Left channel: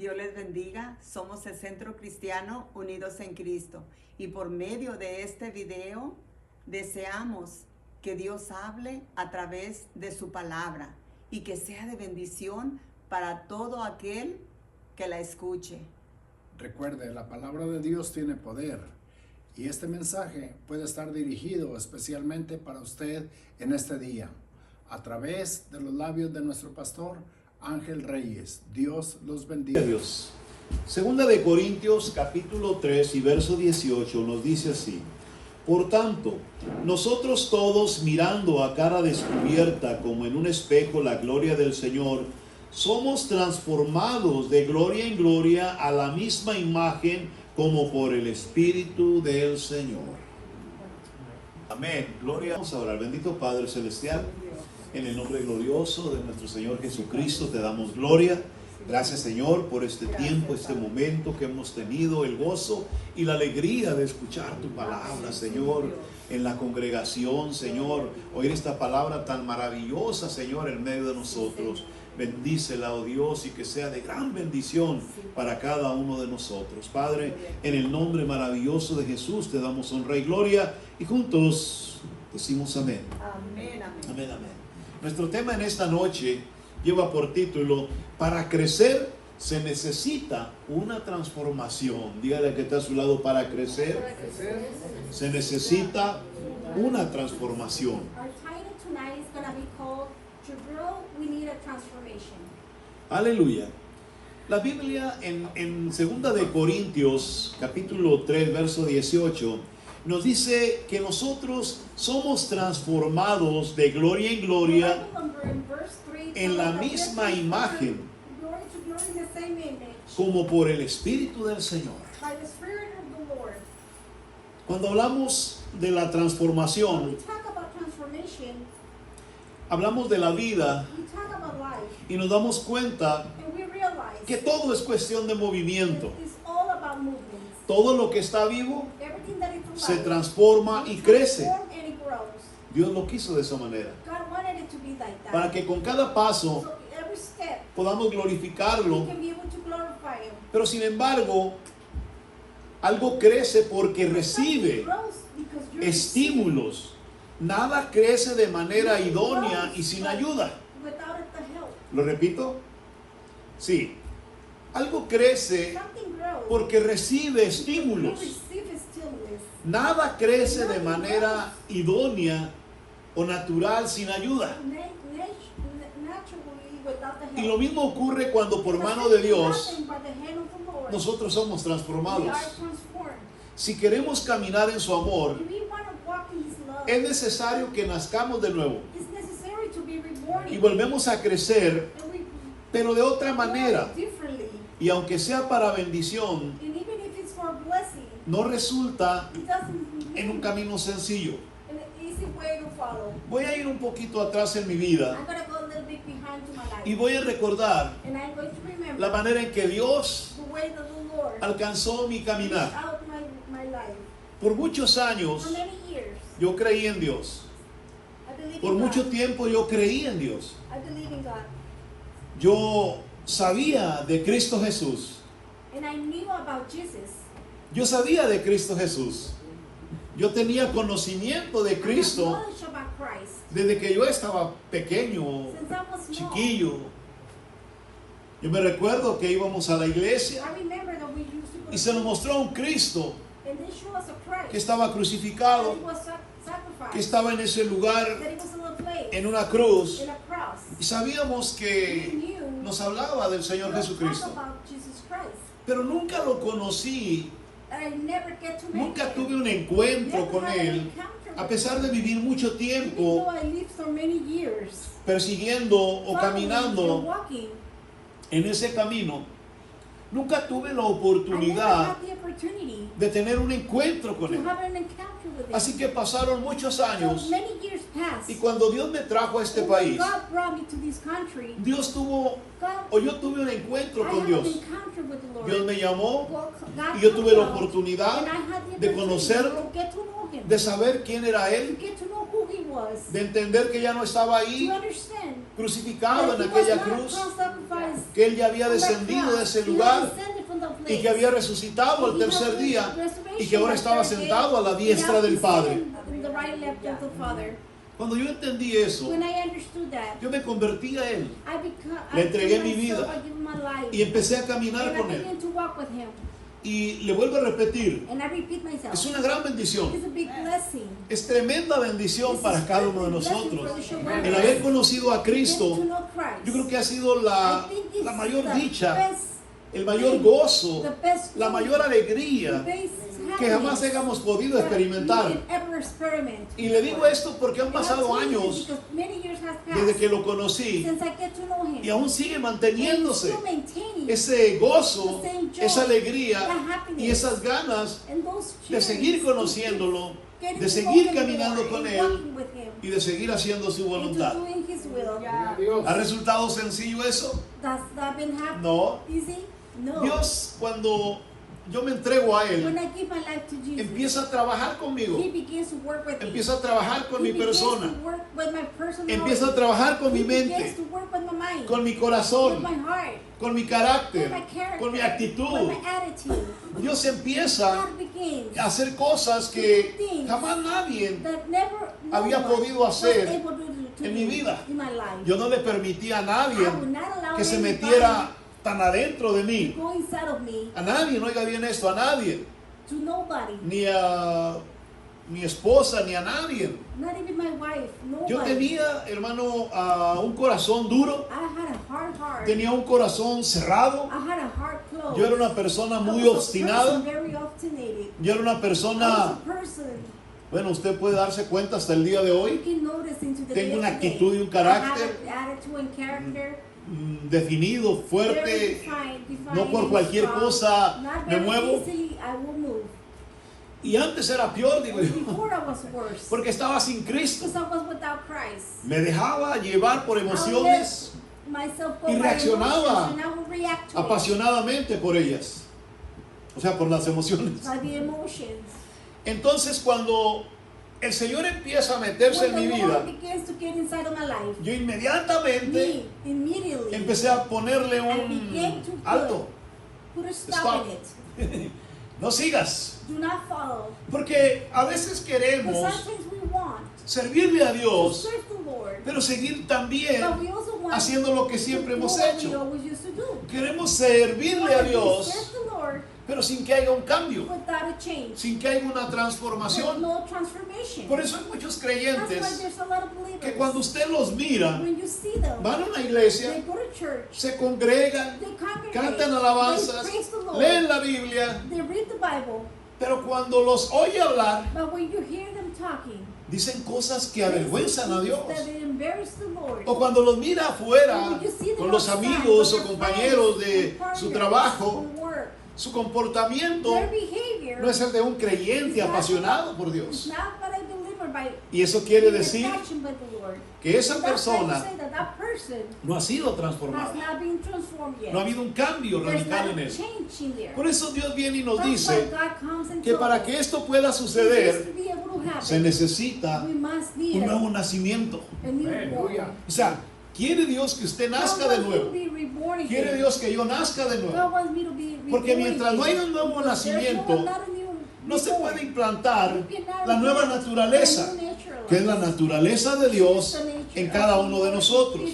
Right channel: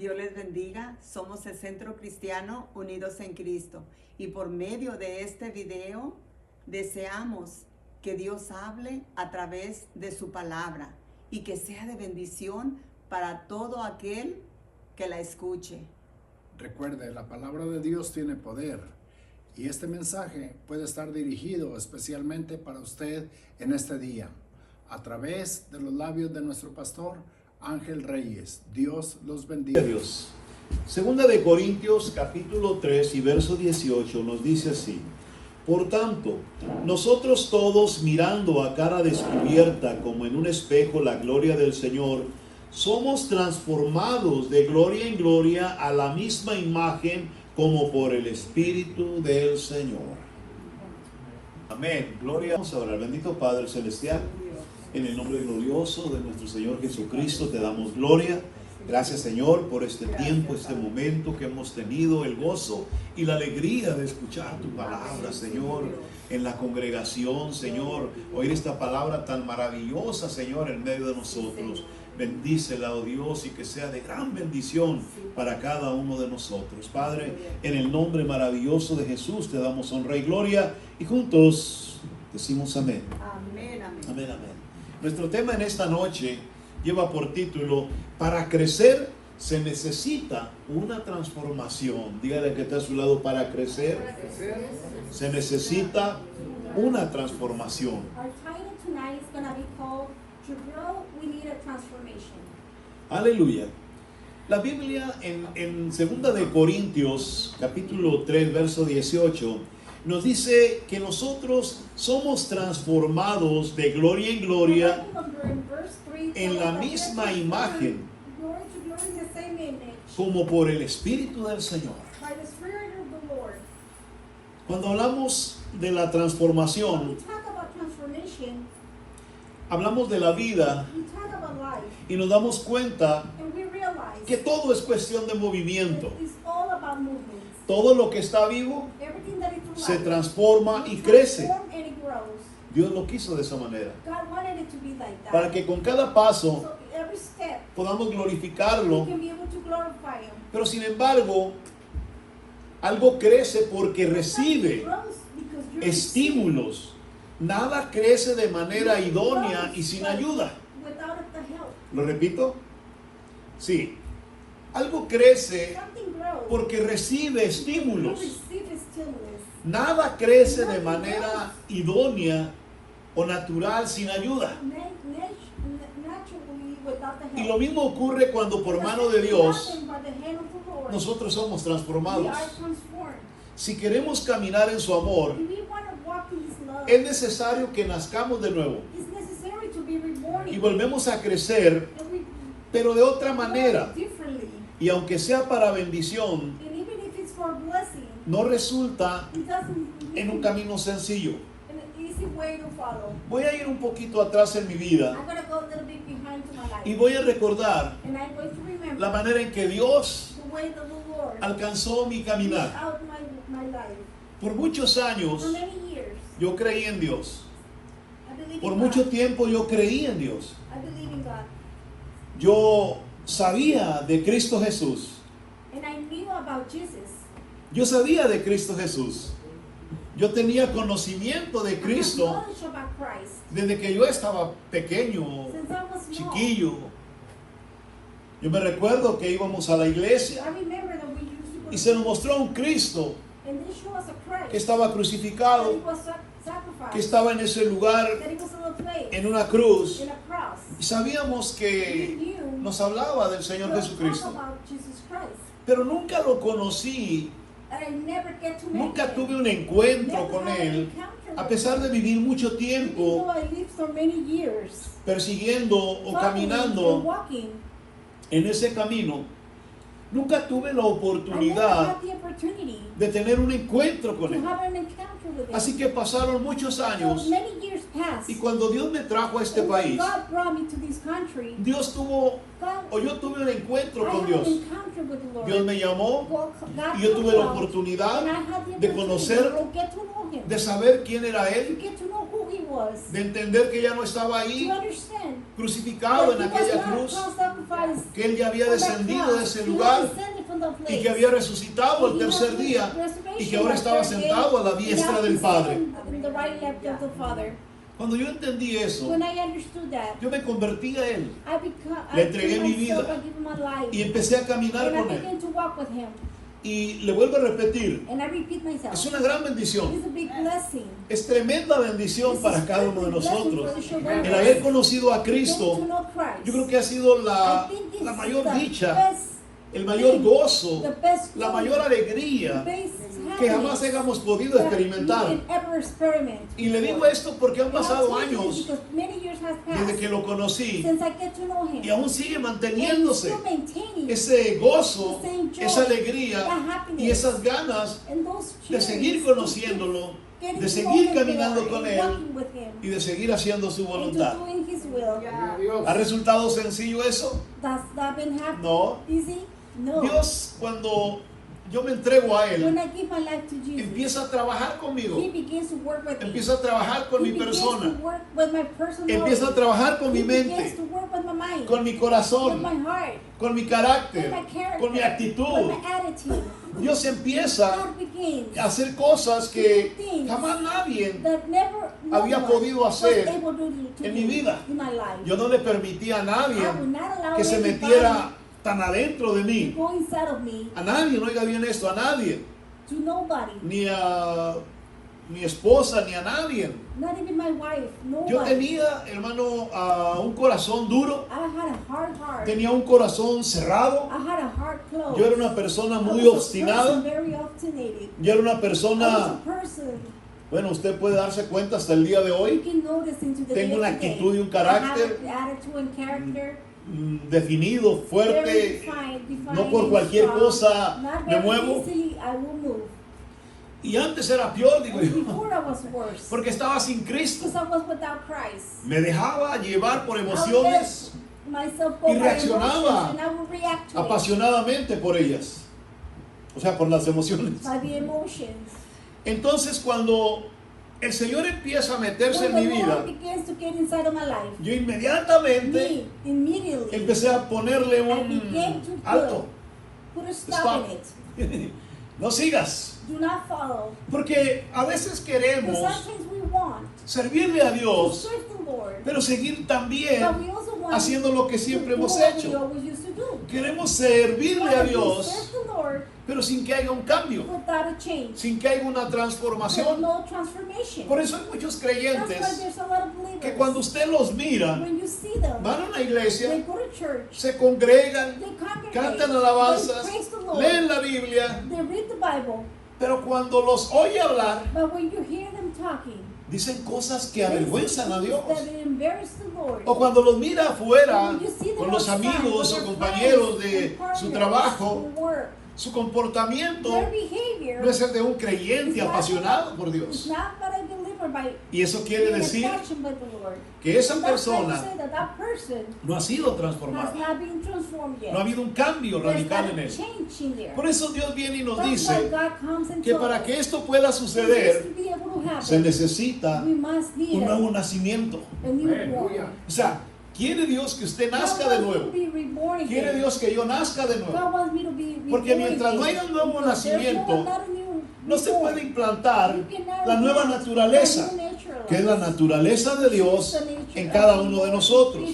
Dios les bendiga. Somos el Centro Cristiano Unidos en Cristo. Y por medio de este video deseamos que Dios hable a través de su palabra y que sea de bendición para todo aquel que la escuche. Recuerde, la palabra de Dios tiene poder y este mensaje puede estar dirigido especialmente para usted en este día a través de los labios de nuestro pastor Ángel Reyes. Dios los bendiga. Dios. Segunda de Corintios capítulo 3 y verso 18 nos dice así: por tanto, nosotros todos, mirando a cara descubierta como en un espejo la gloria del Señor, somos transformados de gloria en gloria a la misma imagen como por el Espíritu del Señor. Amén. Gloria. Vamos a orar. Bendito Padre Celestial, en el nombre glorioso de nuestro Señor Jesucristo te damos gloria. Gracias, Señor, por este tiempo, este momento que hemos tenido, el gozo y la alegría de escuchar tu palabra, Señor, en la congregación, Señor, oír esta palabra tan maravillosa, Señor, en medio de nosotros. Bendícela, oh Dios, y que sea de gran bendición para cada uno de nosotros. Padre, en el nombre maravilloso de Jesús te damos honra y gloria y juntos decimos amén. Amén, amén. Amén, amén. Nuestro tema en esta noche lleva por título: para crecer se necesita una transformación. Dígale que está a su lado: para crecer se necesita una transformación. Aleluya. La Biblia en 2 de Corintios capítulo 3 verso 18 nos dice que nosotros somos transformados de gloria en gloria en la misma imagen como por el Espíritu del Señor. Cuando hablamos de la transformación, hablamos de la vida y nos damos cuenta que todo es cuestión de movimiento. Todo lo que está vivo se transforma y crece. Dios lo quiso de esa manera, para que con cada paso podamos glorificarlo. Pero sin embargo, algo crece porque recibe estímulos. Nada crece de manera idónea y sin ayuda. ¿Lo repito? Sí. Algo crece porque recibe estímulos. Nada crece de manera idónea o natural sin ayuda. Y lo mismo ocurre cuando por mano de Dios nosotros somos transformados. Si queremos caminar en su amor, es necesario que nazcamos de nuevo y volvemos a crecer, pero de otra manera. Y aunque sea para bendición, no resulta en un camino sencillo. Voy a ir un poquito atrás en mi vida y voy a recordar la manera en que Dios alcanzó mi caminar. Por muchos años yo creí en Dios. Por mucho tiempo yo creí en Dios. Yo sabía de Cristo Jesús. Yo sabía de Cristo Jesús. Yo tenía conocimiento de Cristo desde que yo estaba pequeño, chiquillo. Yo me recuerdo que íbamos a la iglesia y se nos mostró un Cristo que estaba crucificado, que estaba en ese lugar, en una cruz. Y sabíamos que nos hablaba del Señor Jesucristo. Pero nunca lo conocí, nunca tuve un encuentro con Él, a pesar de vivir mucho tiempo persiguiendo o caminando en ese camino. Nunca tuve la oportunidad de tener un encuentro con Él. Así que pasaron muchos años y cuando Dios me trajo a este país, Dios tuvo, o yo tuve un encuentro con Dios. Dios me llamó y yo tuve la oportunidad de conocerlo, de saber quién era Él, de entender que ya no estaba ahí, crucificado en aquella cruz, que Él ya había descendido de ese lugar y que había resucitado al tercer día y que ahora estaba sentado a la diestra del Padre. Cuando yo entendí eso, yo me convertí a Él, le entregué mi vida y empecé a caminar con Él. Y le vuelvo a repetir, es una gran bendición, es tremenda bendición para cada uno de nosotros. El haber conocido a Cristo, yo creo que ha sido la mayor dicha, el mayor gozo, la mayor alegría que jamás hayamos podido experimentar. Y le digo esto porque han pasado años desde que lo conocí y aún sigue manteniéndose ese gozo, esa alegría y esas ganas de seguir conociéndolo, de seguir caminando con Él y de seguir haciendo su voluntad. ¿Ha resultado sencillo eso? No. Dios, cuando yo me entrego a Él, empieza a trabajar conmigo, empieza a trabajar con mi persona, empieza a trabajar con mi mente, con mi corazón, con mi carácter, con mi actitud. Dios empieza a hacer cosas que jamás nadie había podido hacer en mi vida. Yo no le permitía a nadie que se metiera tan adentro de mí. A nadie, no oiga bien esto, a nadie. Ni a mi esposa, ni a nadie. Yo tenía, hermano, un corazón duro. Tenía un corazón cerrado. Yo era una persona muy obstinada. Yo era una persona, bueno, usted puede darse cuenta hasta el día de hoy. Tengo una actitud y un carácter definido, fuerte, no por cualquier cosa me muevo. Y antes era peor, digo yo, porque estaba sin Cristo. Me dejaba llevar por emociones y reaccionaba apasionadamente por ellas, o sea, por las emociones. Entonces, cuando el Señor empieza a meterse en mi vida, yo inmediatamente empecé a ponerle un alto. Stop. No sigas. Porque a veces queremos servirle a Dios, pero seguir también haciendo lo que siempre hemos hecho. Queremos servirle a Dios, pero sin que haya un cambio, sin que haya una transformación. Por eso hay muchos creyentes que cuando usted los mira, van a una iglesia, se congregan, cantan alabanzas, leen la Biblia, pero cuando los oye hablar, dicen cosas que avergüenzan a Dios. O cuando los mira afuera con los amigos o compañeros de su trabajo, su comportamiento no es el de un creyente apasionado por Dios. Y eso quiere decir que esa persona no ha sido transformada. No ha habido un cambio radical en él. Por eso Dios viene y nos dice que para que esto pueda suceder, se necesita un nuevo nacimiento. O sea, quiere Dios que usted nazca de nuevo. Quiere Dios que yo nazca de nuevo. Porque mientras no haya un nuevo nacimiento, no se puede implantar la nueva naturaleza, que es la naturaleza de Dios en cada uno de nosotros.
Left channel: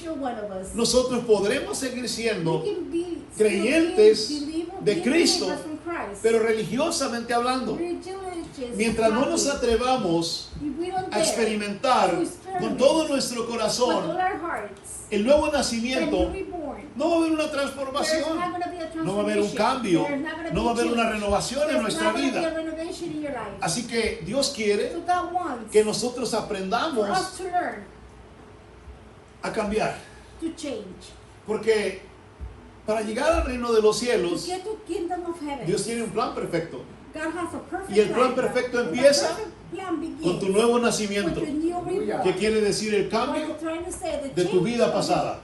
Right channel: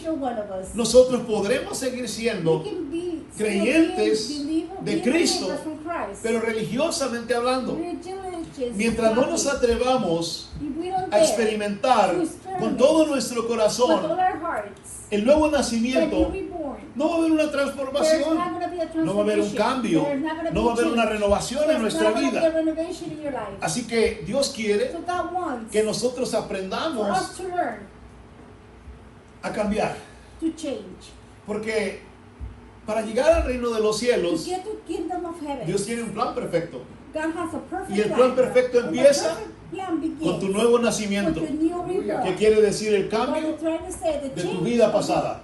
Nosotros podremos seguir siendo creyentes de Cristo, pero religiosamente hablando. Mientras no nos atrevamos a experimentar con todo nuestro corazón el nuevo nacimiento, no va a haber una transformación, no va a haber un cambio, no va a haber una renovación en nuestra vida. Así que Dios quiere que nosotros aprendamos a cambiar. Porque para llegar al reino de los cielos, Dios tiene un plan perfecto. Y el plan perfecto empieza con tu nuevo nacimiento, que quiere decir el cambio de tu vida pasada.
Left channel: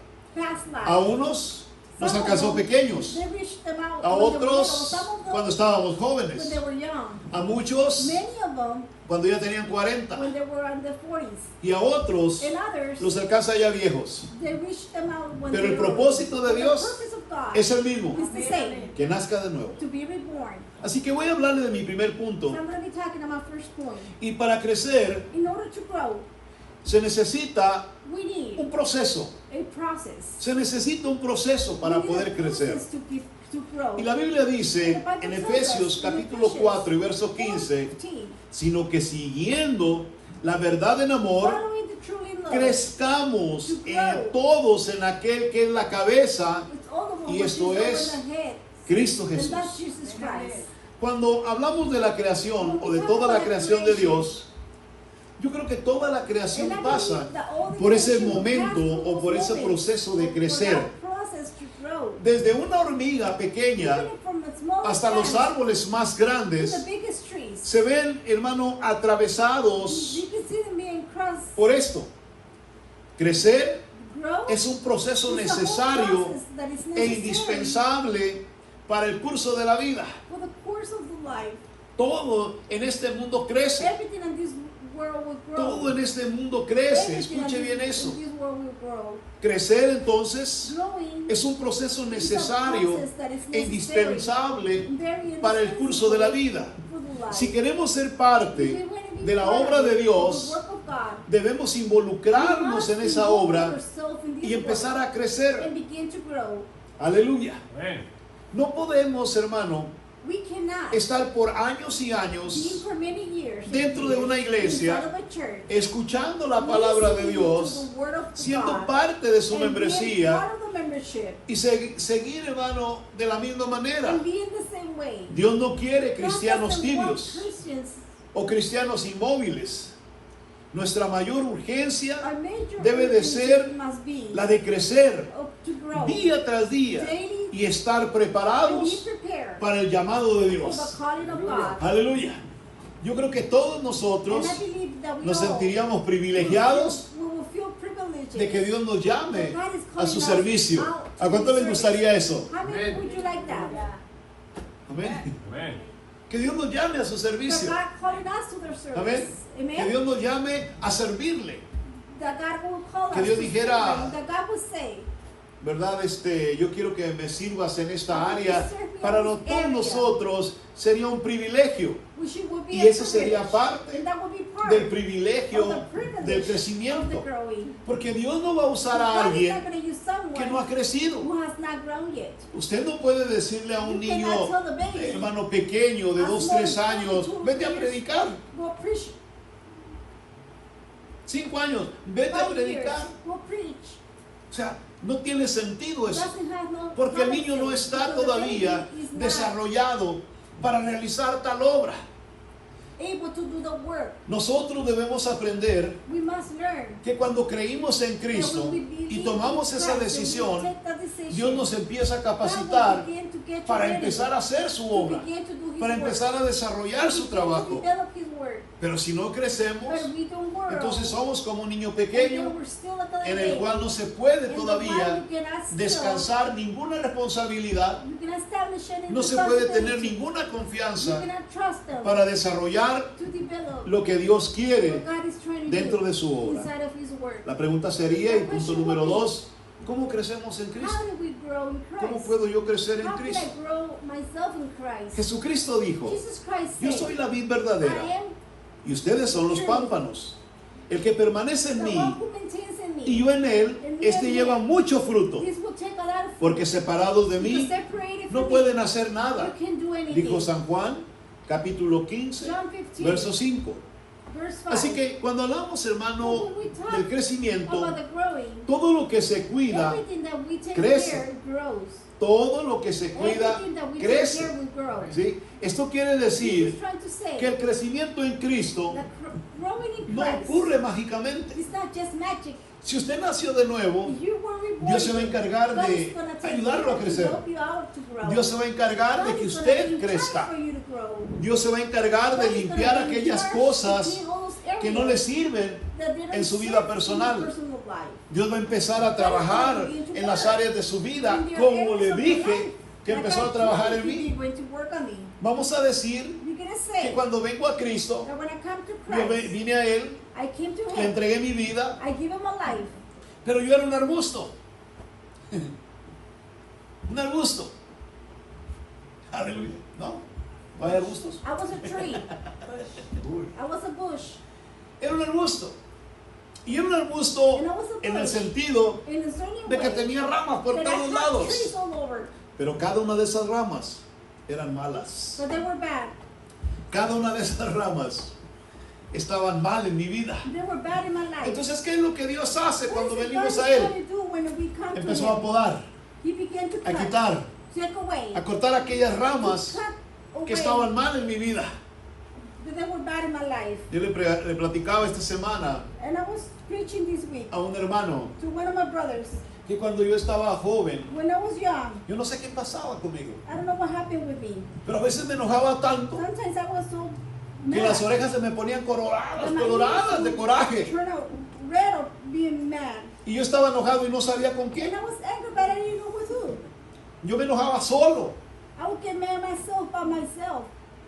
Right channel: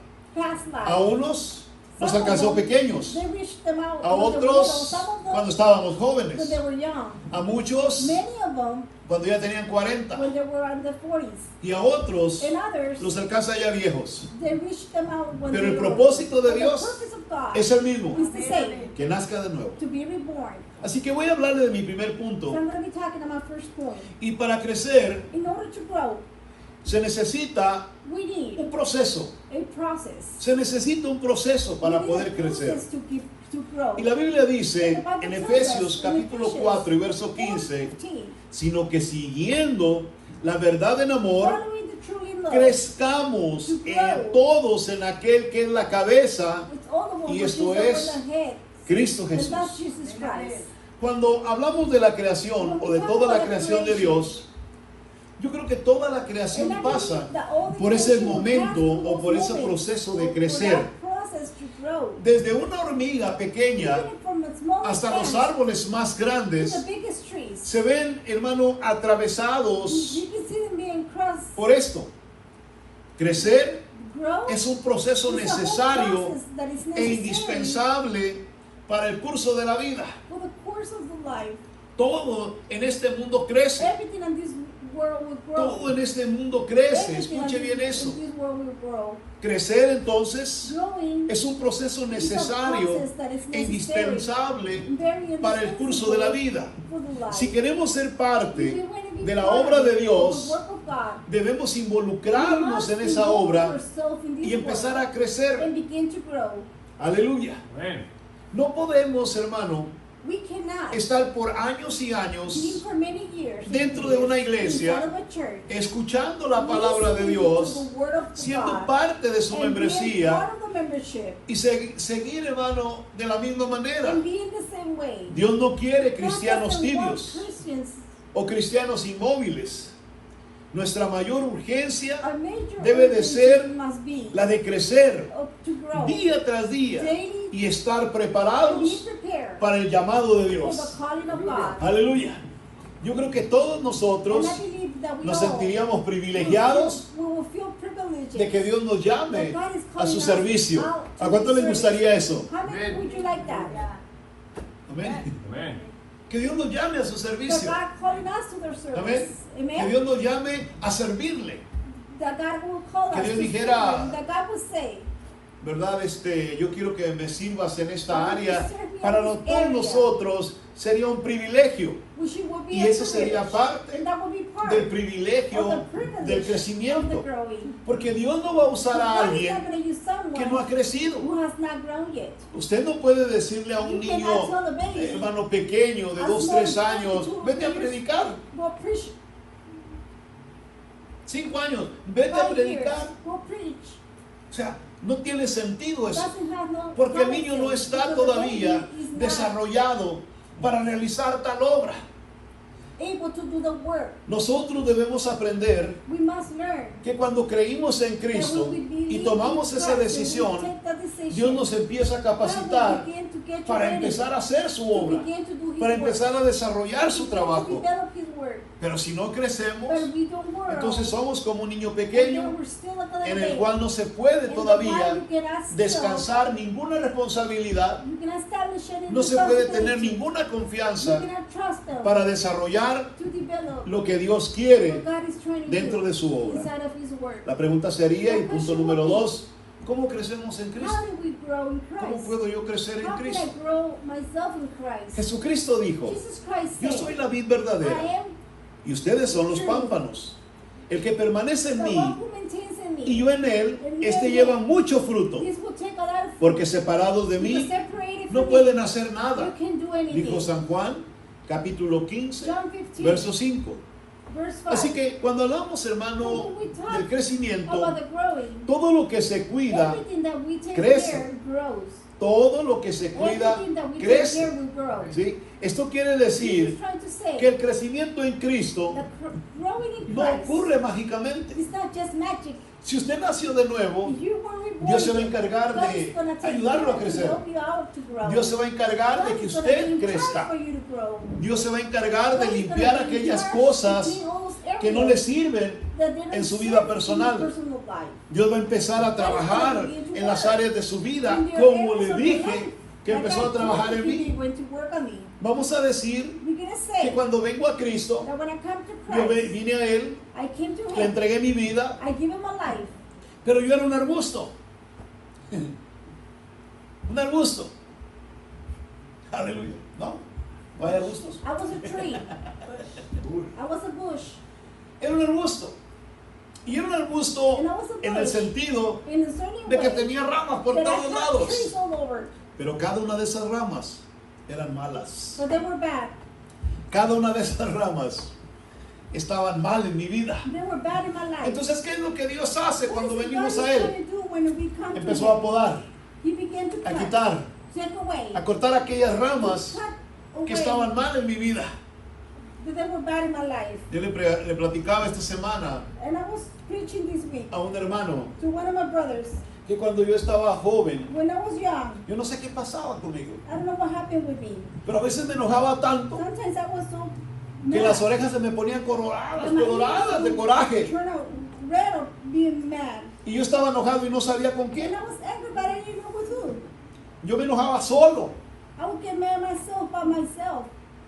A unos nos alcanzó pequeños, They reached them out a when they were little. otros Some of them cuando estábamos when jóvenes, they were young. a muchos Many of them cuando ya tenían 40 when they were in the 40s. y a otros And others, los alcanza ya viejos. they reached them out when Pero they el were propósito de but Dios the purpose of God es el mismo, is the same, que nazca de nuevo. to be reborn. Así que voy a hablarle de mi primer So punto. I'm going to be talking about first point. Y para crecer In order to grow, se necesita we need un proceso. a process. Se necesita un proceso para We need poder a crecer. process to grow. Y la Biblia dice en Efesios capítulo 4 y verso 15, 15, sino que siguiendo la verdad en amor, following the truly love, crezcamos todos en aquel que es la cabeza, with all of them y which esto is over es the head, Cristo and Jesús. that's Jesus Christ. Cuando hablamos de la creación o de toda la creación de Dios, yo creo que toda la creación And I pasa believe that all the por ese creation momento has o por ese moments proceso de for crecer. that process to grow. Desde una hormiga pequeña Even from the smallest hasta los plants árboles más to grandes, the biggest trees. se ven, hermano, atravesados You can see them being crossed. por esto. Crecer Grow es un proceso is a whole necesario process that is e necessary indispensable para el curso de la vida. for the course of the life. Todo en este mundo crece. Everything in this world will grow. Todo en este mundo crece. Everything Escuche in bien eso. this world will grow. Crecer entonces Growing es un proceso is a necesario process that is e necessary, indispensable very para el curso de la vida. for the life. Si queremos ser If we parte want to be de la part obra de of Dios, the work of God, debemos we involucrarnos must en esa involve obra ourselves in this y empezar work a crecer. and begin to grow. Aleluya. No podemos, hermano, We cannot estar por años y be años for many years dentro de una inside iglesia, of a church, escuchando la palabra de listening Dios, to the word of siendo God, parte de su and being membresía part of the membership, y seguir, hermano, de la misma manera. and being the same way. Dios no quiere God cristianos doesn't want tibios Christians. o cristianos inmóviles. Nuestra mayor urgencia Our major debe de urgency ser must be la de crecer to grow día tras día y estar and be preparados prepared para el llamado de for Dios. the calling of God. Aleluya. Yo creo que todos nosotros And I believe that we nos all sentiríamos privilegiados will feel privileged de que Dios nos llame that God is a calling su us servicio. out to ¿A cuánto les service. gustaría eso? How many would you like that? Amén. Que Dios nos llame a su That servicio. God calling us to their service. Amén. Que Amen. Dios nos llame a servirle. That God will call Que us Dios to dijera, serve Him. That God will say, ¿Verdad? Yo quiero que me sirvas en esta área. Para todos nosotros sería un privilegio. which it will be Y a eso sería privilege. parte And that will be part del privilegio of the privilege del of crecimiento. the growing. Porque Dios no va a usar a God is not alguien going to use someone que no ha crecido. who has not grown yet. Usted no puede decirle a un You cannot niño, tell the baby, hermano pequeño de a 2, small 3 años, child, vete a predicar. Go preach. 5 años, vete a 5 predicar. years. Go preach. O sea, no tiene sentido eso. Doesn't have no Porque el niño no purpose, está because the todavía baby is not desarrollado para realizar tal obra. able to do the work. Nosotros debemos aprender We must learn. que cuando creímos en Cristo that when we believe y tomamos in esa Christ, when we decisión, take that decision, Dios nos empieza a God capacitar will begin to get you para ready empezar a hacer su to obra, begin to do His para work, empezar a desarrollar su to trabajo. develop His work. Pero si no crecemos, But we don't work. entonces somos como un niño And pequeño then we're still a little en el baby. cual no se puede In the todavía while you cannot still- descansar ninguna responsabilidad, you cannot establish any no se puede tener responsibility. ninguna You confianza cannot trust them para desarrollar to develop lo que Dios quiere what God is trying to dentro do de su obra. inside of His work. La pregunta sería, y punto número 2, ¿cómo crecemos en Cristo? How do we grow in ¿Cómo Christ? puedo yo crecer en How can Cristo? I grow myself in Christ? Jesucristo dijo, Jesus Christ yo said, soy la vid I verdadera am y ustedes son los pámpanos. El que permanece en the mí one who maintains in me. y yo en él, este lleva mucho fruto, This will take a lot of fruit. porque separados de mí Because separated no from pueden me, hacer you nada. can't do anything. Dijo San Juan, capítulo 15, John 15, verso 5. verse 5. Así que cuando hablamos, hermano, del crecimiento, About the growing, todo lo que se cuida, everything that we take crece. care grows. todo lo que se cuida, Everything that we take crece. care will grow. ¿Sí? Esto quiere Jesus is decir trying to say que el crecimiento en Cristo that growing in no Christ ocurre mágicamente. is not just magic. Si usted nació de nuevo, If you were reborn, Dios se va a encargar God de is gonna take ayudarlo a care to crecer. help you out to grow. Dios se va a encargar de God que is gonna be usted in charge crezca. for you to grow. Dios se va a encargar de God is limpiar gonna be in aquellas charge to cosas clean all those que no areas le sirven that they don't en su serve vida in your personal. personal life. Dios va a empezar a trabajar en las áreas de su vida, como le dije que empezó a trabajar en mí. Vamos a decir que cuando vengo a Cristo, yo vine a Él, le entregué mi vida, pero yo era un arbusto. Un arbusto. Aleluya. ¿No? ¿No hay arbustos? I was a tree. I was a bush. Era un arbusto. Y era un arbusto en el sentido In a certain de que way, tenía ramas por that I todos had lados. trees all over, Pero cada una de esas ramas eran malas. but they were bad. Cada una de esas ramas estaban mal en mi vida. They were bad in my life. Entonces, ¿qué es lo que Dios hace cuando What is venimos God a Él? trying to do when we come to Empezó a Him? podar, He began to a cut, quitar, take away, a cortar aquellas ramas cut que away estaban mal en mi vida. that they were bad in my life. Yo le platicaba esta semana And I was preaching this week a un hermano to one of my brothers. que cuando yo estaba joven, When I was young, yo no sé qué pasaba conmigo, I don't know what happened with me. pero a veces me enojaba tanto Sometimes I was so que mad. las orejas se me ponían coloradas, And my coloradas ears de coraje. turned out red or being mad. Y yo estaba enojado y no sabía con And quién. I was angry, but I didn't know with who. Yo me enojaba solo. I would get mad myself by myself.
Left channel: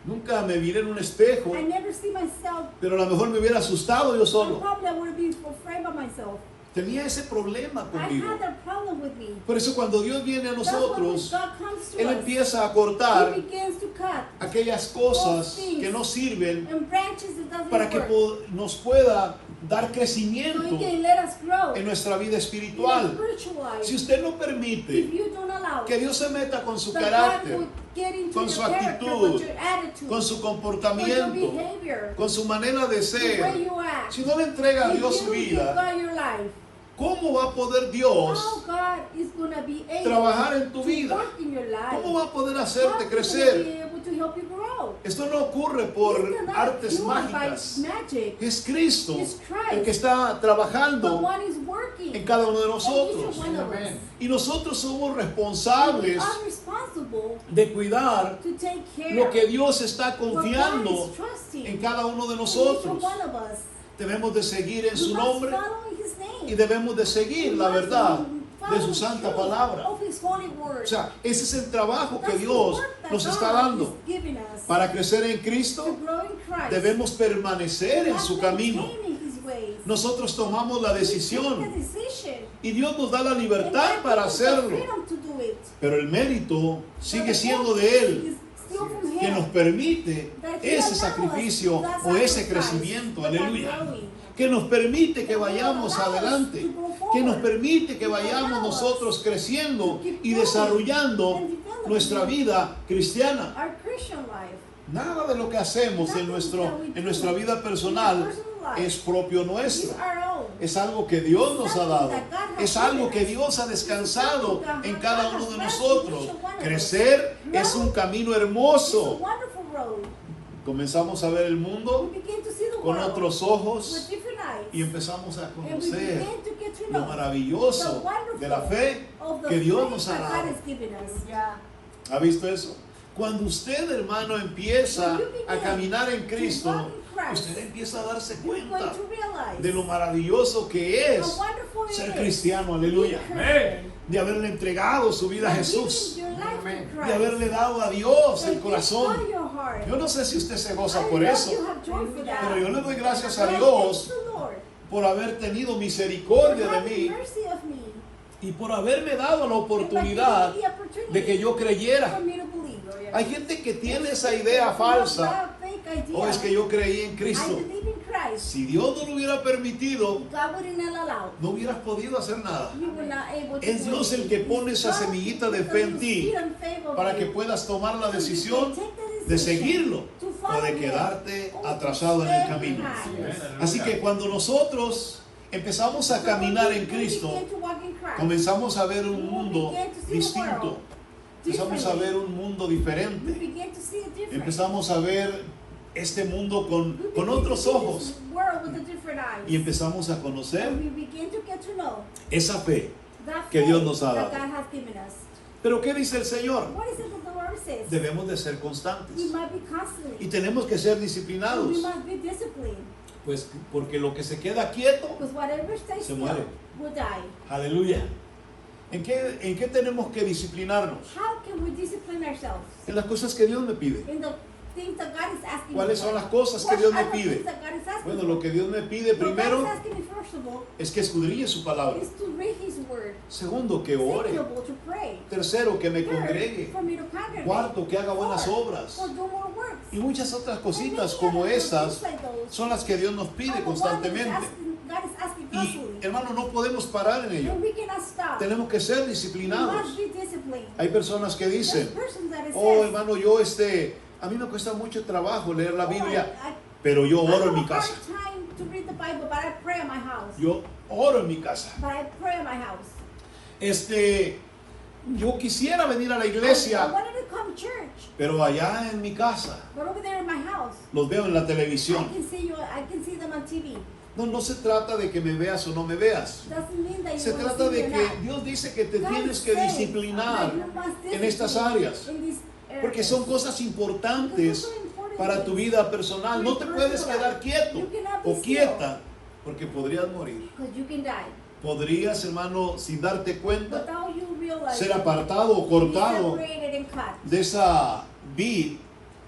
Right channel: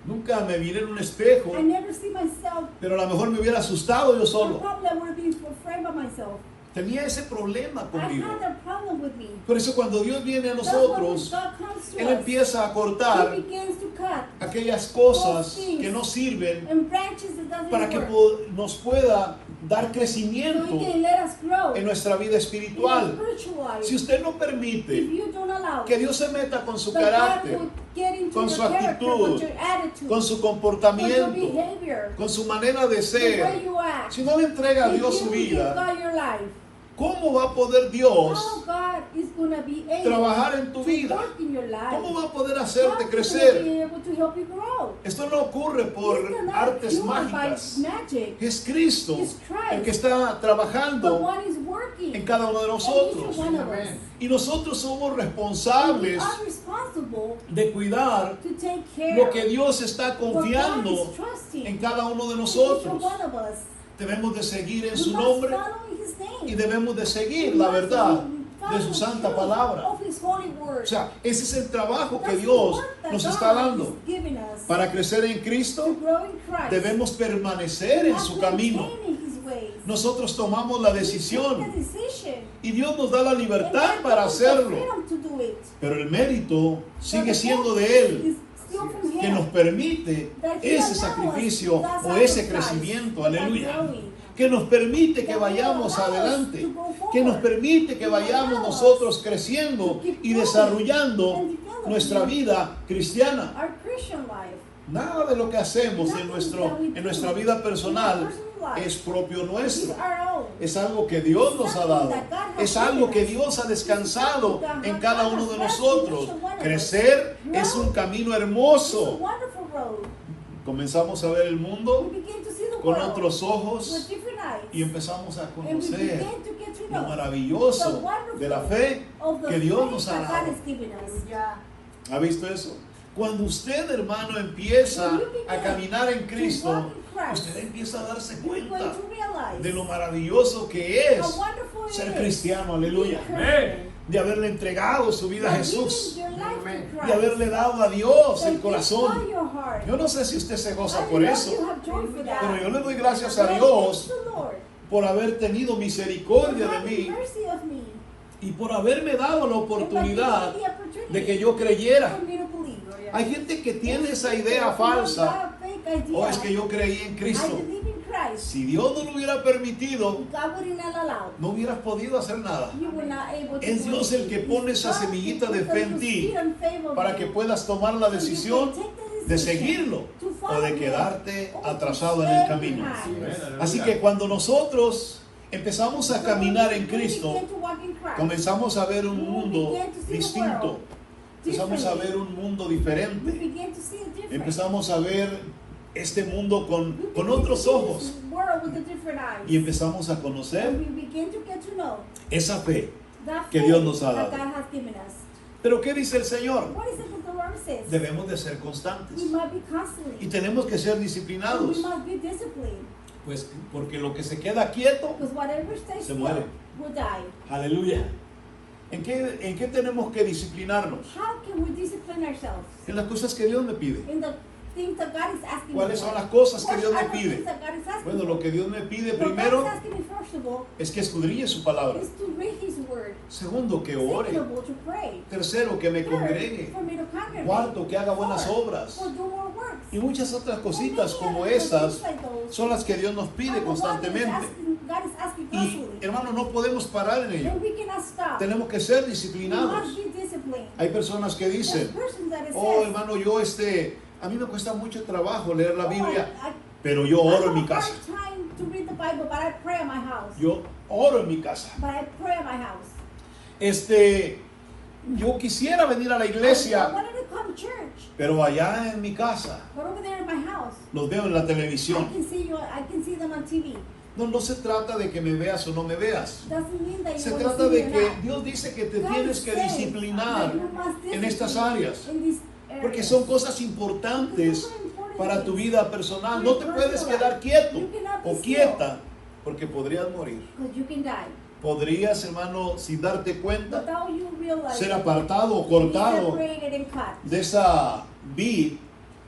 Nunca me miré en un espejo, I never see myself. pero a lo mejor me hubiera asustado yo solo. Probably I would have been afraid by myself. Tenía ese problema I conmigo. had that problem with me. Por eso cuando Dios viene a That's why when nosotros, God comes to Él us, empieza a He cortar begins to cut aquellas cosas que no sirven and branches that doesn't para que work. nos pueda dar So crecimiento He can let us grow en nuestra vida in espiritual. our spiritual life. Si usted no If permite you don't allow que Dios se meta con su that God carácter, will get into con your su character, actitud, with your attitude, con su with your comportamiento, behavior, con su manera de the way ser, you act, si no le entrega a if Dios you su give vida, God your life, ¿cómo va a poder how Dios God is going to be able trabajar en tu to vida? work in your life? ¿Cómo va a poder How hacerte is He crecer? be able to help you grow? Esto no ocurre por It's not artes cured by mágicas. magic. Es Cristo It's Christ. el que está The trabajando one is working en cada uno de in each nosotros. one of us. Y nosotros somos And we responsables are responsible de cuidar to take care lo que Dios está of what God confiando is trusting en cada uno de in each nosotros. one of us. Debemos de seguir en We su must nombre follow His name. y debemos de seguir We la must verdad follow de su the santa truth palabra. of His holy word. O sea, ese es el trabajo que That's the Dios work that nos God está dando. is giving us Para crecer en to Cristo, grow in Christ. debemos permanecer We en must su camino. maintain His ways. Nosotros tomamos la We take the decisión decision. y Dios nos da la And libertad God para gives us the hacerlo. freedom to do it. Pero el mérito sigue But the siendo focus de Él, is still from que Him. nos permite That He ese allows sacrificio that o ese sacrifice, crecimiento, that aleluya, growing. que nos permite que vayamos adelante, que nos permite que vayamos nosotros creciendo y desarrollando nuestra vida cristiana. Our Christian life. Nada de lo que hacemos en nuestra vida personal es propio Is nuestro. our own. Es algo que Dios nos ha dado. Es algo que Dios ha descansado en cada uno de nosotros. Crecer es un camino It's a hermoso. wonderful road. Comenzamos a ver el mundo We begin to see the con world otros with ojos different eyes. y empezamos a And we conocer begin to get to lo know maravilloso the wonderful de la fe of the que Dios faith nos ha that God dado. has given us. ¿Ha visto eso? Cuando usted, hermano, empieza a caminar en Cristo, usted empieza a darse You're cuenta going to realize de lo maravilloso que es how wonderful it ser is cristiano, aleluya, being Christian. de haberle entregado su vida a By Jesús, giving your life to Christ. de haberle dado a Dios And el corazón. give God your heart. Yo no sé si usted se goza I por know eso, you have joy for that. pero yo le doy gracias a But Dios thank the Lord por haber tenido misericordia for de having mí mercy of me. y por haberme dado la oportunidad And by giving me the opportunity de que yo creyera. for me to believe. Hay gente que tiene esa idea falsa. O es que yo creí en I Cristo. believe in Christ. Si Dios no lo hubiera permitido, God would not allow. no hubieras podido hacer nada. You were not able to Es Dios el que believe. pone esa God semillita de put fe en the ti seed and faith on para you. que puedas tomar la So you can decisión take the de decision seguirlo to o follow de him quedarte or to atrasado en stay el camino. behind. Así que cuando nosotros empezamos a caminar en Cristo, We begin to walk in Christ. comenzamos a ver un We mundo begin to see the distinto. world Empezamos a ver un mundo We diferente. begin to see it different. Empezamos a ver este mundo We con begin otros to see ojos this world with a different eyes. y empezamos a conocer And we begin to get to know esa fe. that que faith Dios nos ha that dado. God has given us. Pero ¿qué dice el Señor? What is it that the Lord says? Debemos de ser We constantes must be y constantly. tenemos que ser And disciplinados. we must be disciplined. Pues porque lo que se queda quieto Because whatever stays se still muere. will die. Aleluya. ¿En qué tenemos que disciplinarnos? How can we discipline ourselves? En las cosas que Dios me pide. In the things that God is asking ¿Cuáles me son for. las cosas que What Dios me are the pide? things that God is asking Bueno, me lo que Dios me pide for? What primero God is asking me, first of all, es que escudriñe su palabra. is to read His word. Segundo, que ore. Second of all, to pray. Tercero, que me Third, congregue. for me to congregate. Cuarto, que haga buenas Fourth, obras. for do more works. Y muchas otras cositas For como many other esas things like those. son las que Dios nos Are pide the ones that constantemente. God is asking Y constantly. hermano, no podemos parar en ello. And we cannot stop. Tenemos que ser We disciplinados. must be disciplined. Hay personas que There's dicen, persons that it oh says, hermano, a mí me cuesta mucho trabajo leer la "Oh, Biblia, I pero yo oro en have mi a casa. hard time to read the Bible, but I pray in my house. Yo oro en mi casa. But I pray in my house. Yo quisiera venir a la I iglesia, wanted to come to church, pero allá en mi casa but over there in my house, los veo en la I televisión. can see them on TV. No se trata de que me veas o no me veas. Doesn't mean that Se you want trata to see de me or que not. Dios dice que te God tienes que says disciplinar that you must en estas discipline áreas, in these porque areas. son cosas importantes para tu vida personal. No te puedes quedar quieto o quieta, porque podrías morir. Because you can die. Podrías, hermano, sin darte cuenta, Without you realizing, ser apartado o be cortado separated and cut. de esa vid,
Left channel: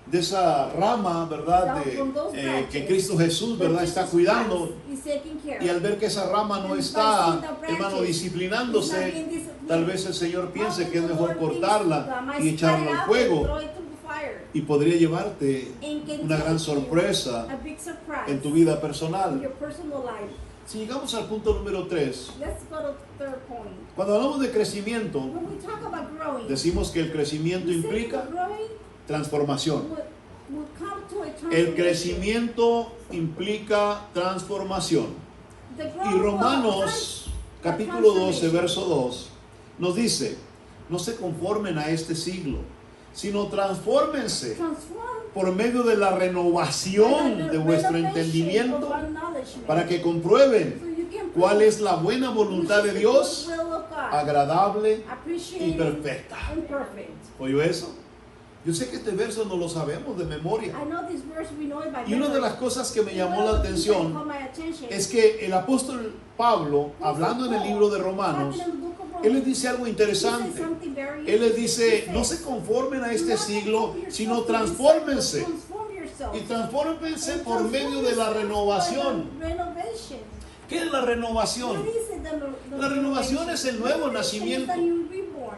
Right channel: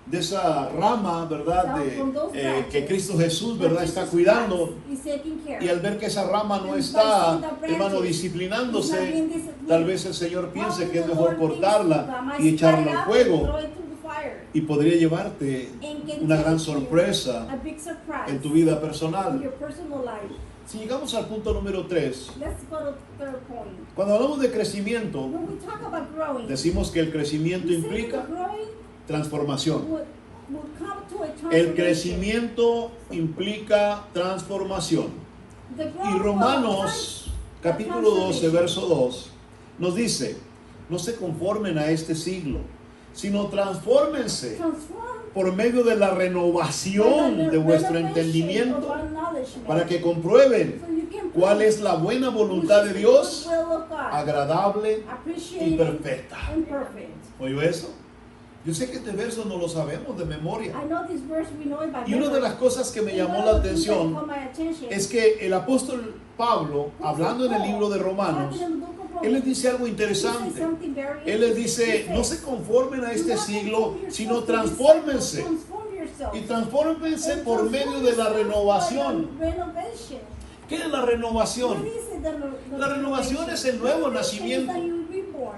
de esa rama, ¿verdad? Que Cristo Jesús, ¿verdad? Está cuidando. He's taking care. Y al ver que esa rama no está, hermano, disciplinándose, tal vez el Señor piense que es mejor cortarla y echarla al fuego, y podría llevarte una gran sorpresa A big surprise en tu vida in personal. your personal life. Si llegamos al punto número 3, Let's go to the third point. cuando hablamos de crecimiento, When we talk about growing, decimos que el crecimiento we say implica that growing transformación. would come to a El transformation. crecimiento implica transformación. The Y growth Romanos capítulo 12, verso 2 nos dice, no se conformen a este siglo, sino transfórmense transform por medio de la renovación de vuestro entendimiento para que comprueben cuál es la buena voluntad de Dios, agradable y perfecta. ¿Oyó eso? Yo sé que este verso no lo sabemos de memoria. Y una de las cosas que me llamó la atención es que el apóstol Pablo, hablando en el libro de Romanos, él les dice algo interesante. Él les dice, no se conformen a este siglo, sino transfórmense. Y transfórmense por medio de la renovación. ¿Qué es la renovación? La renovación es el nuevo nacimiento.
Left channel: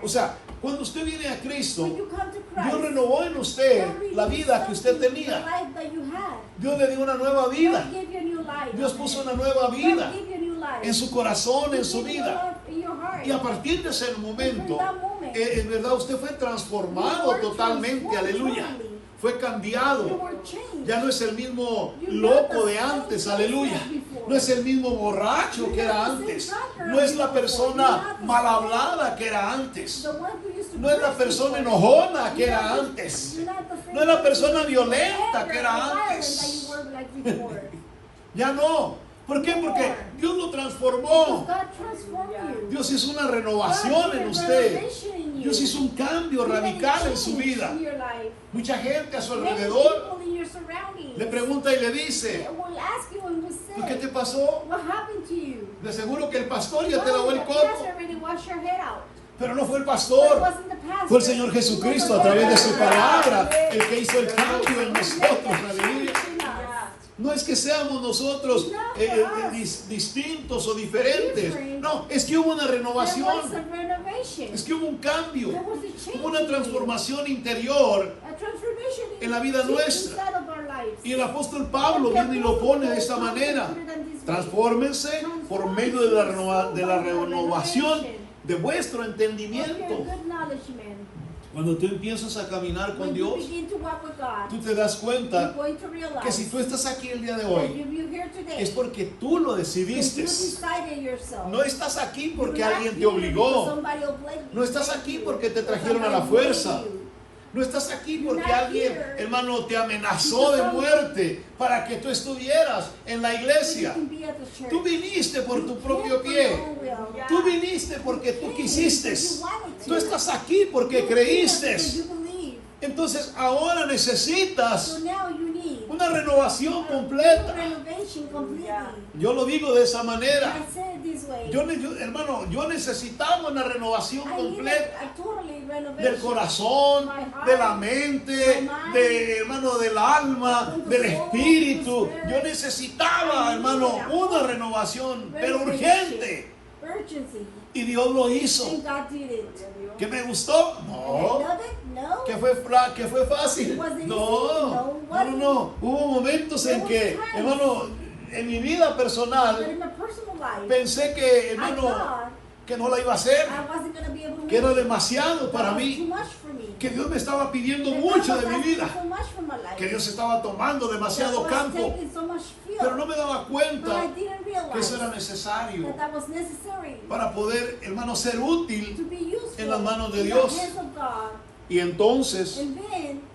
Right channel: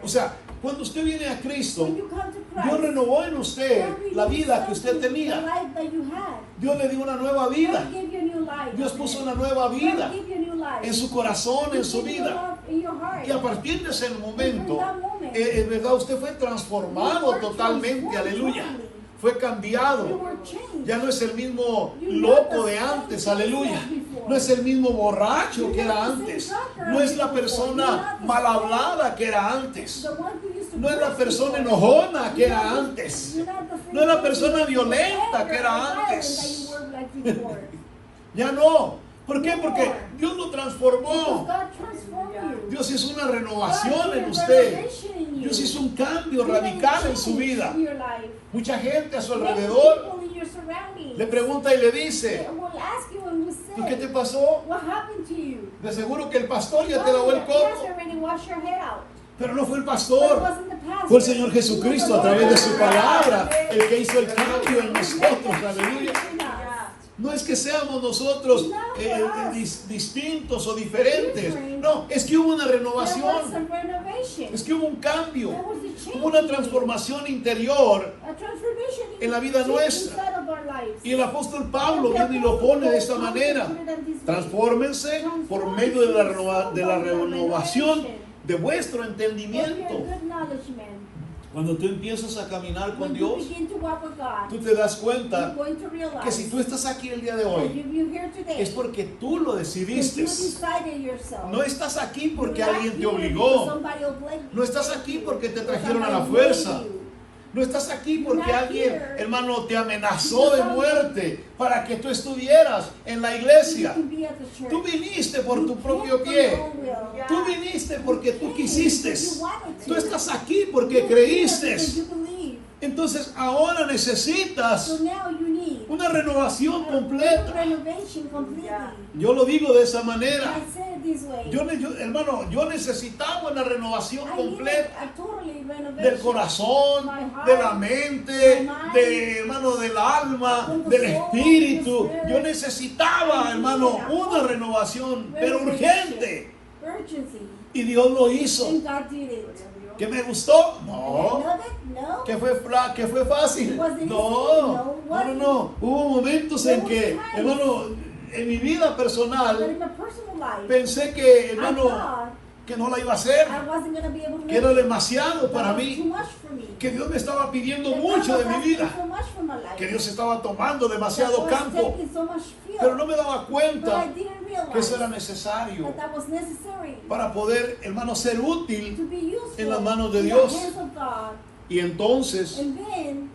O sea, cuando usted viene a Cristo, Dios renovó en usted la vida que usted tenía. Dios le dio una nueva vida. Dios puso una nueva vida en su corazón, en su vida. Y a partir de ese momento, en verdad usted fue transformado totalmente, aleluya. Fue cambiado. Ya no es el mismo loco de antes, aleluya. No es el mismo borracho que era antes. No es la persona mal hablada que era antes. No es la persona enojona que era antes. No es la persona violenta que era antes. Ya no. ¿Por qué? Porque Dios lo transformó. Dios hizo una renovación en usted. Dios hizo un cambio radical en su vida. Mucha gente a su alrededor le pregunta y le dice, ¿y qué te pasó? De seguro que el pastor ya te lavó el coco. Pero no fue el pastor, fue el Señor Jesucristo a través de su palabra el que hizo el cambio en nosotros, aleluya. No es que seamos nosotros distintos o diferentes. No, es que hubo una renovación. Es que hubo un cambio. Hubo una transformación interior en la vida nuestra. Y el apóstol Pablo viene y lo pone de esta manera. Transfórmense por medio de la renovación de vuestro entendimiento. Cuando tú empiezas a caminar con Dios, tú te das cuenta que si tú estás aquí el día de hoy, es porque tú lo decidiste. No estás aquí porque alguien te obligó. No estás aquí porque te trajeron a la fuerza. No estás aquí porque alguien, hermano, te amenazó de muerte para que tú estuvieras en la iglesia. Tú viniste por tu propio pie. Tú viniste porque tú quisiste. Tú estás aquí porque creíste. Entonces ahora necesitas Una renovación completa. Renovation completely. Yo lo digo de esa manera. I say it this way. Hermano, yo necesitaba una renovación I completa. need a totally renovation. Del corazón, de la mente, hermano, del alma, del espíritu. Yo necesitaba, hermano, una renovación, pero urgente. Urgency. Y Dios lo hizo. And God did it. ¿Que me gustó? And I No. love it? No. ¿Que fue fácil? No. Hubo momentos en que, hermano, en mi vida But personal, in my personal life, pensé que, I hermano, thought que no la iba a hacer, I wasn't going to be able to que era demasiado para Too mí, much for me. que Dios me estaba pidiendo That mucho God de was mi vida, asking so much for my life. que Dios estaba tomando demasiado That was campo, taking so much field. pero no me daba But I cuenta didn't realize que eso era necesario that that was necessary para poder, hermano, ser útil. to be useful en las manos de in Dios. the hands of God. Y entonces And then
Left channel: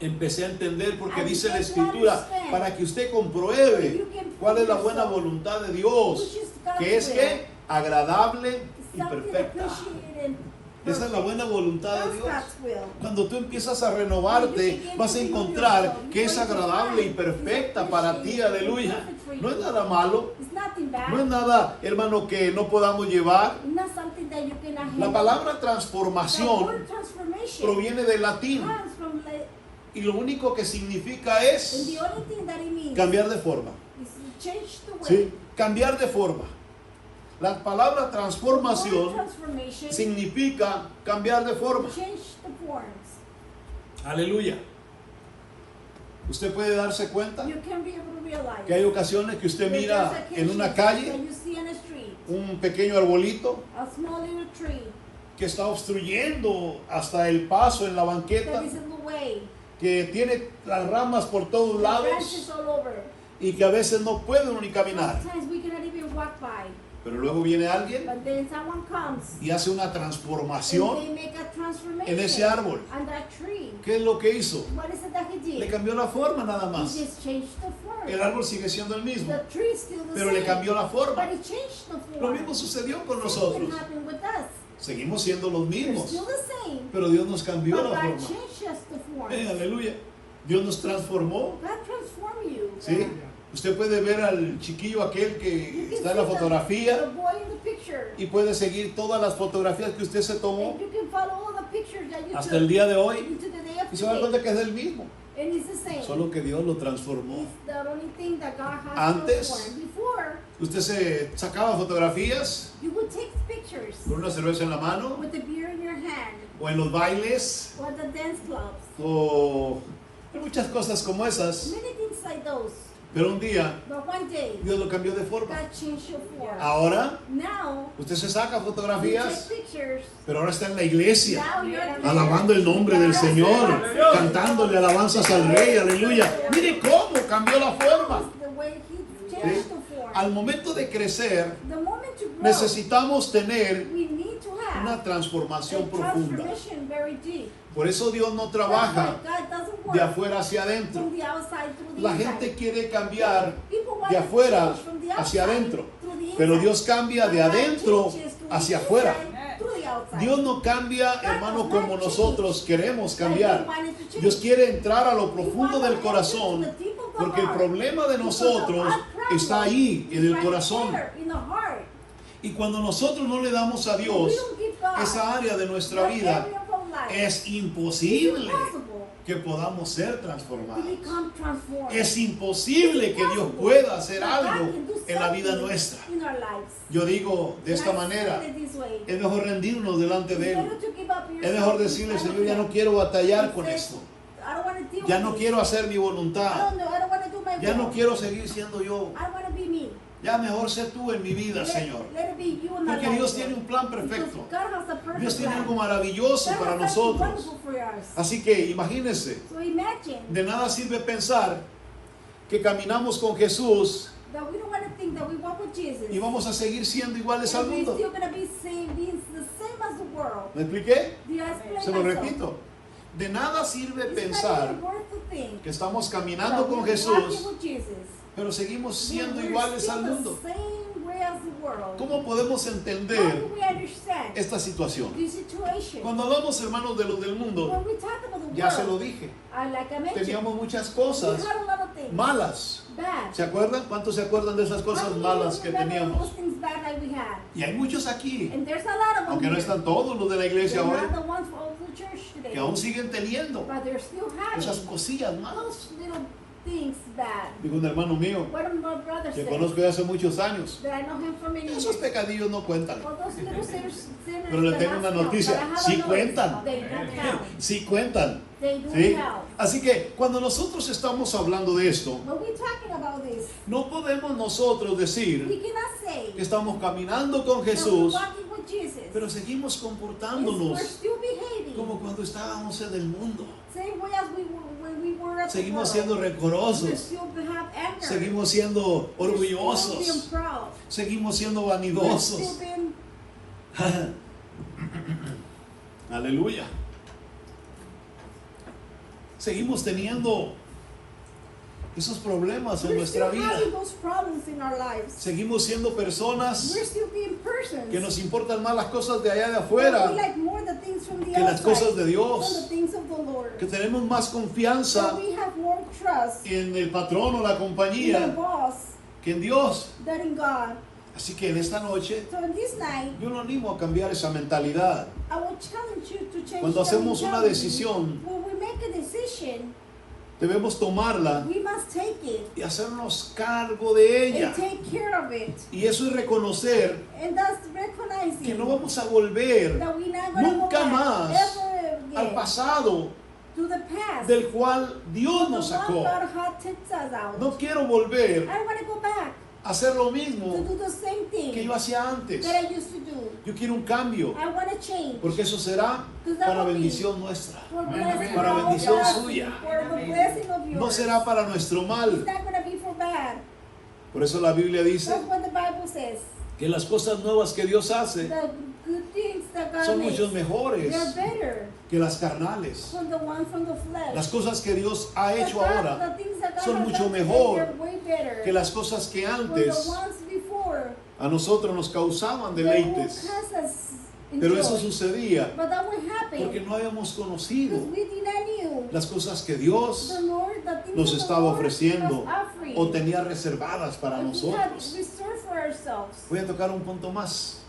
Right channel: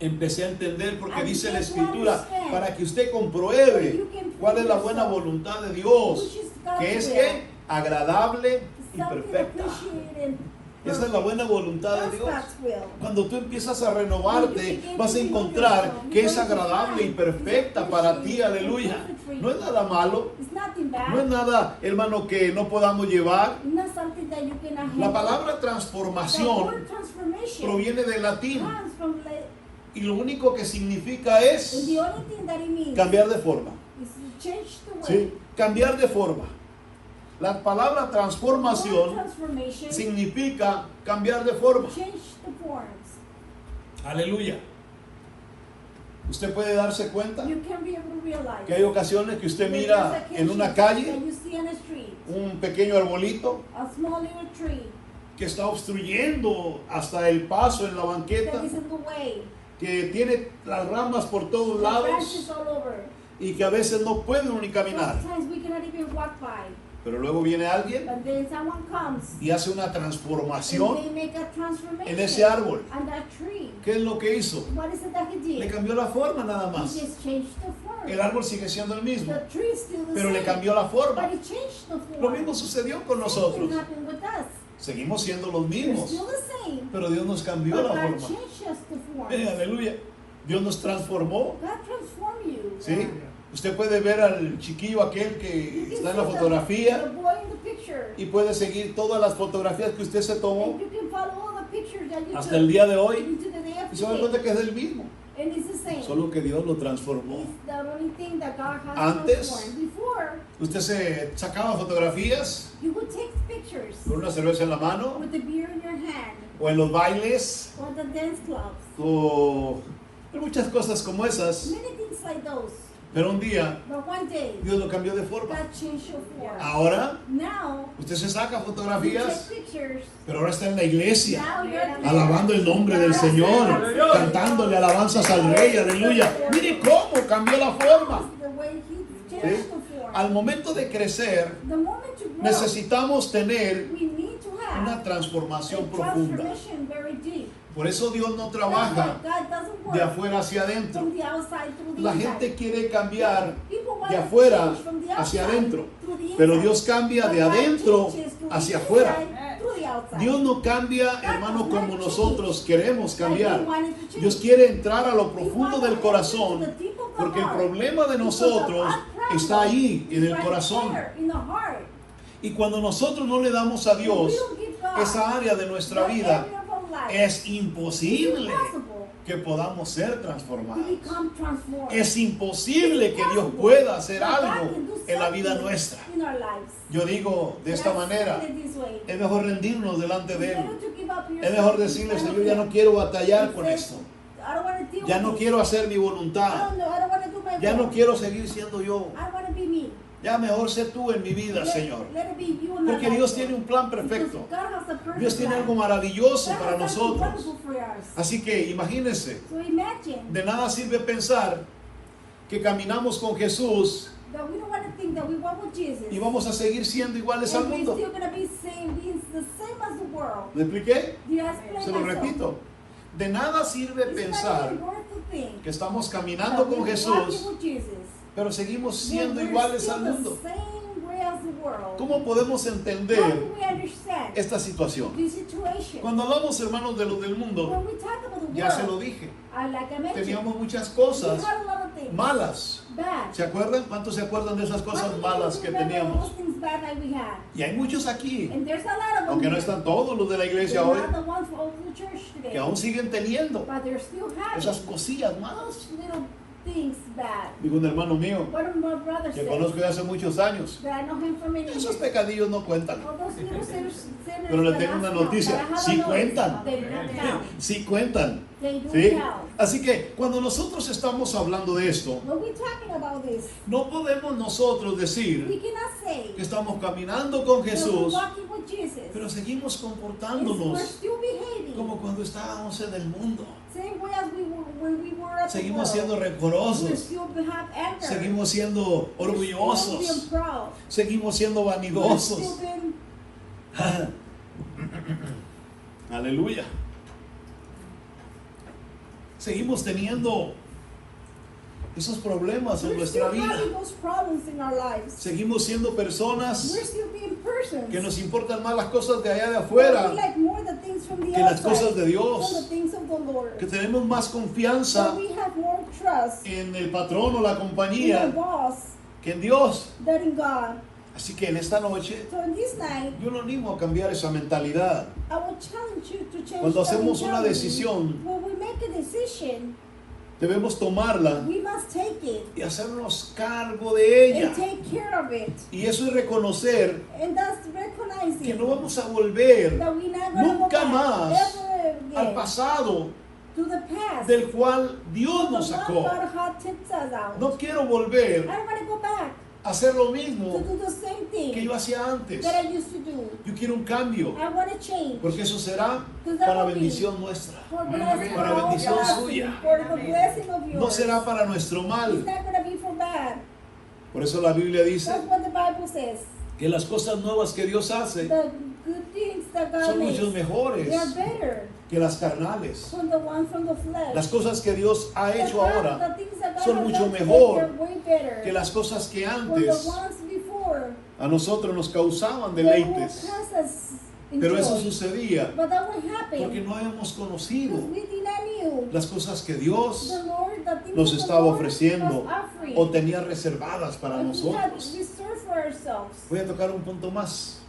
empecé a entender, porque I dice la began to Escritura, understand para que usted compruebe you can cuál es la prove buena yourself, voluntad de Dios, which is God's que es will. que agradable y Something perfecta. appreciated and Esa es la buena voluntad de that's Dios. God's will. Cuando tú empiezas a renovarte, vas a encontrar que es agradable y perfecta para ti, aleluya. No es nada malo, It's nothing bad. no es nada, hermano, que no podamos llevar. Not something that you cannot La handle. palabra The transformación word transformation proviene del latín comes from y lo único que significa and es the only thing that it means cambiar de forma. is to change the way. ¿Sí? Cambiar de forma. La palabra Word transformación transformation significa cambiar de forma. change the forms. Aleluya. Usted puede darse cuenta You can be able to realize que hay ocasiones que usted mira en una calle and you see in a street un pequeño arbolito a small little tree que está obstruyendo hasta el paso en la banqueta, that is in the way, que tiene las ramas por todos branches lados all over. y que a veces no puede uno ni caminar. Sometimes we cannot even walk by, Pero luego viene alguien but then someone comes y hace una and transformación they make a transformation en ese árbol. on that tree. ¿Qué es lo que hizo? What is it that he did? Le cambió la forma nada He más. just changed the form. El árbol sigue siendo el mismo, The tree is still the pero same, le cambió la forma. but he changed the form. Lo mismo sucedió con Same nosotros. thing happened with us. Seguimos siendo los We're mismos, still the same, pero Dios nos cambió but la God forma. changed us the form. Aleluya. Dios nos transformó. God transformed you. ¿Sí? Usted puede ver al chiquillo aquel You que can está en la see the fotografía boy in the picture. y puede seguir todas las fotografías que usted se tomó And you can follow all the pictures that you hasta took el día de hoy into the day of y se da today. cuenta que es el mismo, And it's the same. solo que Dios lo transformó. It's the only thing that God has Antes, transformed. Before, Usted se sacaba fotografías you would take pictures con una cerveza en la mano with the beer in your hand o en los bailes or the dance clubs. o en muchas cosas como esas, Many things like those. pero un día But one day, Dios lo cambió de forma. God changed your form. Ahora Now, usted se saca you fotografías, take pictures. pero ahora está en la iglesia, Now you're alabando el nombre del Señor, cantándole alabanzas al Rey, aleluya. Mire cómo cambió la forma. The way he ¿Sí? changed the form. Al momento de crecer, The moment you grow, necesitamos tener we need to have una transformación a profunda. transformation very deep. Por eso Dios no That's trabaja why God doesn't work de afuera hacia adentro. from the outside through the La inside. gente quiere cambiar People want de to afuera change from the hacia outside adentro, through the pero inside. Dios cambia But de God adentro changes to the hacia inside afuera. through the outside. Dios no cambia, hermano, como nosotros queremos cambiar. God wanted to change. Dios quiere entrar a lo He profundo wanted del to corazón, enter to the deep of the porque el heart. problema de Because nosotros our problem está ahí, en is el right corazón. there, in the heart. Y cuando nosotros no le damos a We Dios don't give God esa área de nuestra that vida, area of our life. es imposible It's impossible que podamos ser to transformados. become transformed. Es imposible que Dios pueda hacer algo en la vida nuestra. In our lives. Yo digo de esta And I manera, say it this way. es mejor rendirnos delante de Él. Better to give up Es mejor yourself decirle, in front Señor, of ya no Him. quiero batallar con Say, esto. I don't wanna deal Ya with no this. quiero hacer mi I voluntad. don't wanna do my Ya no will. quiero seguir siendo yo. I wanna be me. Ya mejor sé tú en mi vida, Señor. Let it be you in my Porque life. Dios tiene un plan Because perfecto. God has a perfect Dios tiene plan. algo maravilloso God para has something nosotros. wonderful for us. Así que imagínense, So imagine de nada sirve pensar que caminamos con Jesús that we don't want to think that we walk with Jesus. y vamos a seguir siendo iguales al and we're mundo. still gonna be being the same as the world. ¿Me expliqué? Did I explain Se lo myself? repito. De nada sirve It's pensar not even worth the thing que estamos that caminando con we're Jesús, walking with Jesus. pero seguimos siendo We're iguales still al the mundo. same way as the world. ¿Cómo podemos How entender do we understand esta situación? this situation? Cuando hablamos, hermanos, de los del mundo, When we talk about the ya se lo world, dije, like I mentioned, teníamos muchas we cosas had a lot of things things. malas. Bad. ¿Se acuerdan? ¿Cuántos se acuerdan de esas cosas malas que teníamos? Those things bad that we had. Y hay muchos aquí, And there's a lot of them. aunque no here. están todos los de la iglesia They're hoy, not the ones of the church today. que aún siguen teniendo But they're still having esas cosillas malas. little things bad. Dijo un hermano mío, What did my brother que say? conozco de hace muchos años, That I know him for many esos years. pecadillos no cuentan. All those little sinners Pero le that tengo I una know, noticia, but I have sí a notice. cuentan. They don't count. Sí cuentan. They do ¿Sí? count. Así que cuando nosotros estamos hablando de esto, When we're talking about this, no podemos nosotros we decir cannot say que estamos caminando con that we're Jesús, walking with Jesus. pero seguimos We're comportándonos still behaving como cuando estábamos en el mundo. same way as we were when we were at the Seguimos siendo world. We rencorosos, still have anger. seguimos siendo We're still orgullosos, being proud. seguimos siendo We're vanidosos. still being Aleluya. Seguimos teniendo esos problemas en we're nuestra still vida. having those problems in our lives. Seguimos siendo personas We're still being persons. que nos importan más las cosas de allá de We afuera, like more the things from the que las outside cosas de Dios. than the things of the Lord. que tenemos más So confianza we have more trust en el patrón o la in the compañía boss que en Dios. than in God. Así que en esta noche So in this night, yo lo animo a cambiar esa mentalidad. I will challenge you to change Cuando that hacemos una mentality. decisión, When we make a decision, debemos tomarla we must take it y hacernos cargo de ella. and take care of it. Y eso es reconocer And that's recognizing que no vamos a volver that we're not gonna nunca go back más ever al again pasado to the past. del cual Dios The nos one sacó. God had tipped us out. No quiero I volver don't want to go back a hacer lo to mismo do the same que thing yo hacía antes. that I used to do. Yo quiero un cambio, I want to change. porque eso será para bendición nuestra. For blessing Para of bendición yours, suya. for the blessing of yours. No será para nuestro It's mal. not going to be for bad. Por eso la Biblia dice That's what the Bible says. que las cosas nuevas que Dios hace The good things that God son makes, mucho mejores they're better que las carnales. from the one from the flesh. Las cosas que Dios ha hecho ahora The things that God son has mucho done today, mejor they're way better que las cosas que from the antes ones before. a nosotros nos causaban They will deleites. pass us in Pero eso joy. sucedía But that will happen porque no habíamos conocido because we did not knew las cosas que Dios the Lord, the things nos that the estaba Lord ofreciendo was offering. o tenía reservadas para And we had nosotros. restored for ourselves. Voy a tocar un punto más.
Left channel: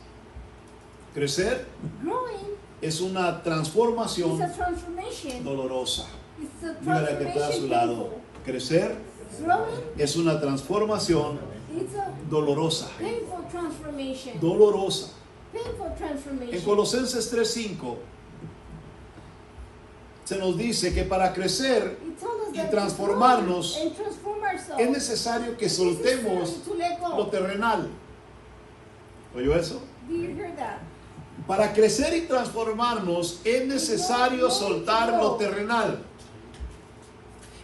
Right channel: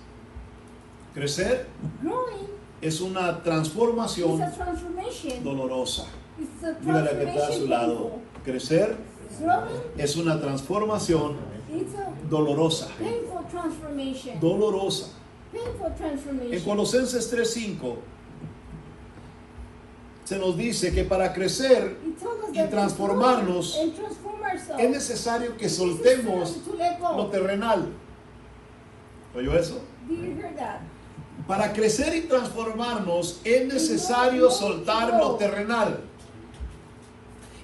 Crecer Growing es una is transformación a transformation. dolorosa. It's a Dígale a que está a su transformation lado. Crecer painful. Growing, es una transformación it's a dolorosa. painful transformation. Dolorosa. Painful En transformation. Colosenses 3:5 se nos dice que para crecer It tells us y that to transformarnos, grow and transform ourselves, es necesario que it's soltemos necessary to let go. lo terrenal. ¿Oyó eso? Do you hear that? Para crecer y transformarnos es necesario soltar lo terrenal.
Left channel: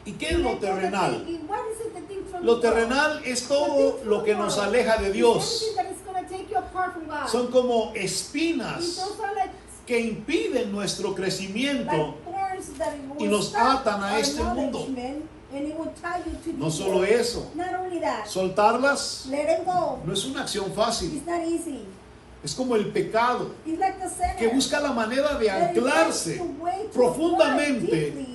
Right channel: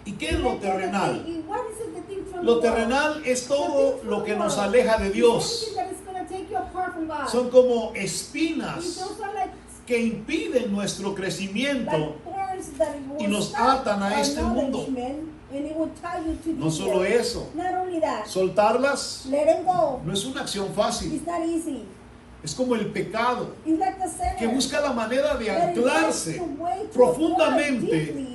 ¿Y qué es lo terrenal? What is it, the thing from Lo the world? terrenal es todo lo que nos aleja de Dios. It's something that is gonna take you apart from God. Son como These espinas are like que impiden nuestro crecimiento thorns that y will nos stop atan a our este mundo. nourishment, and it will tie you to No this solo world. eso, Not only that, soltarlas let it go. no es una acción fácil. It's not easy. Es como el pecado It's like the sinner que busca la manera de that is anclarse trying to wait to profundamente. apply deeply,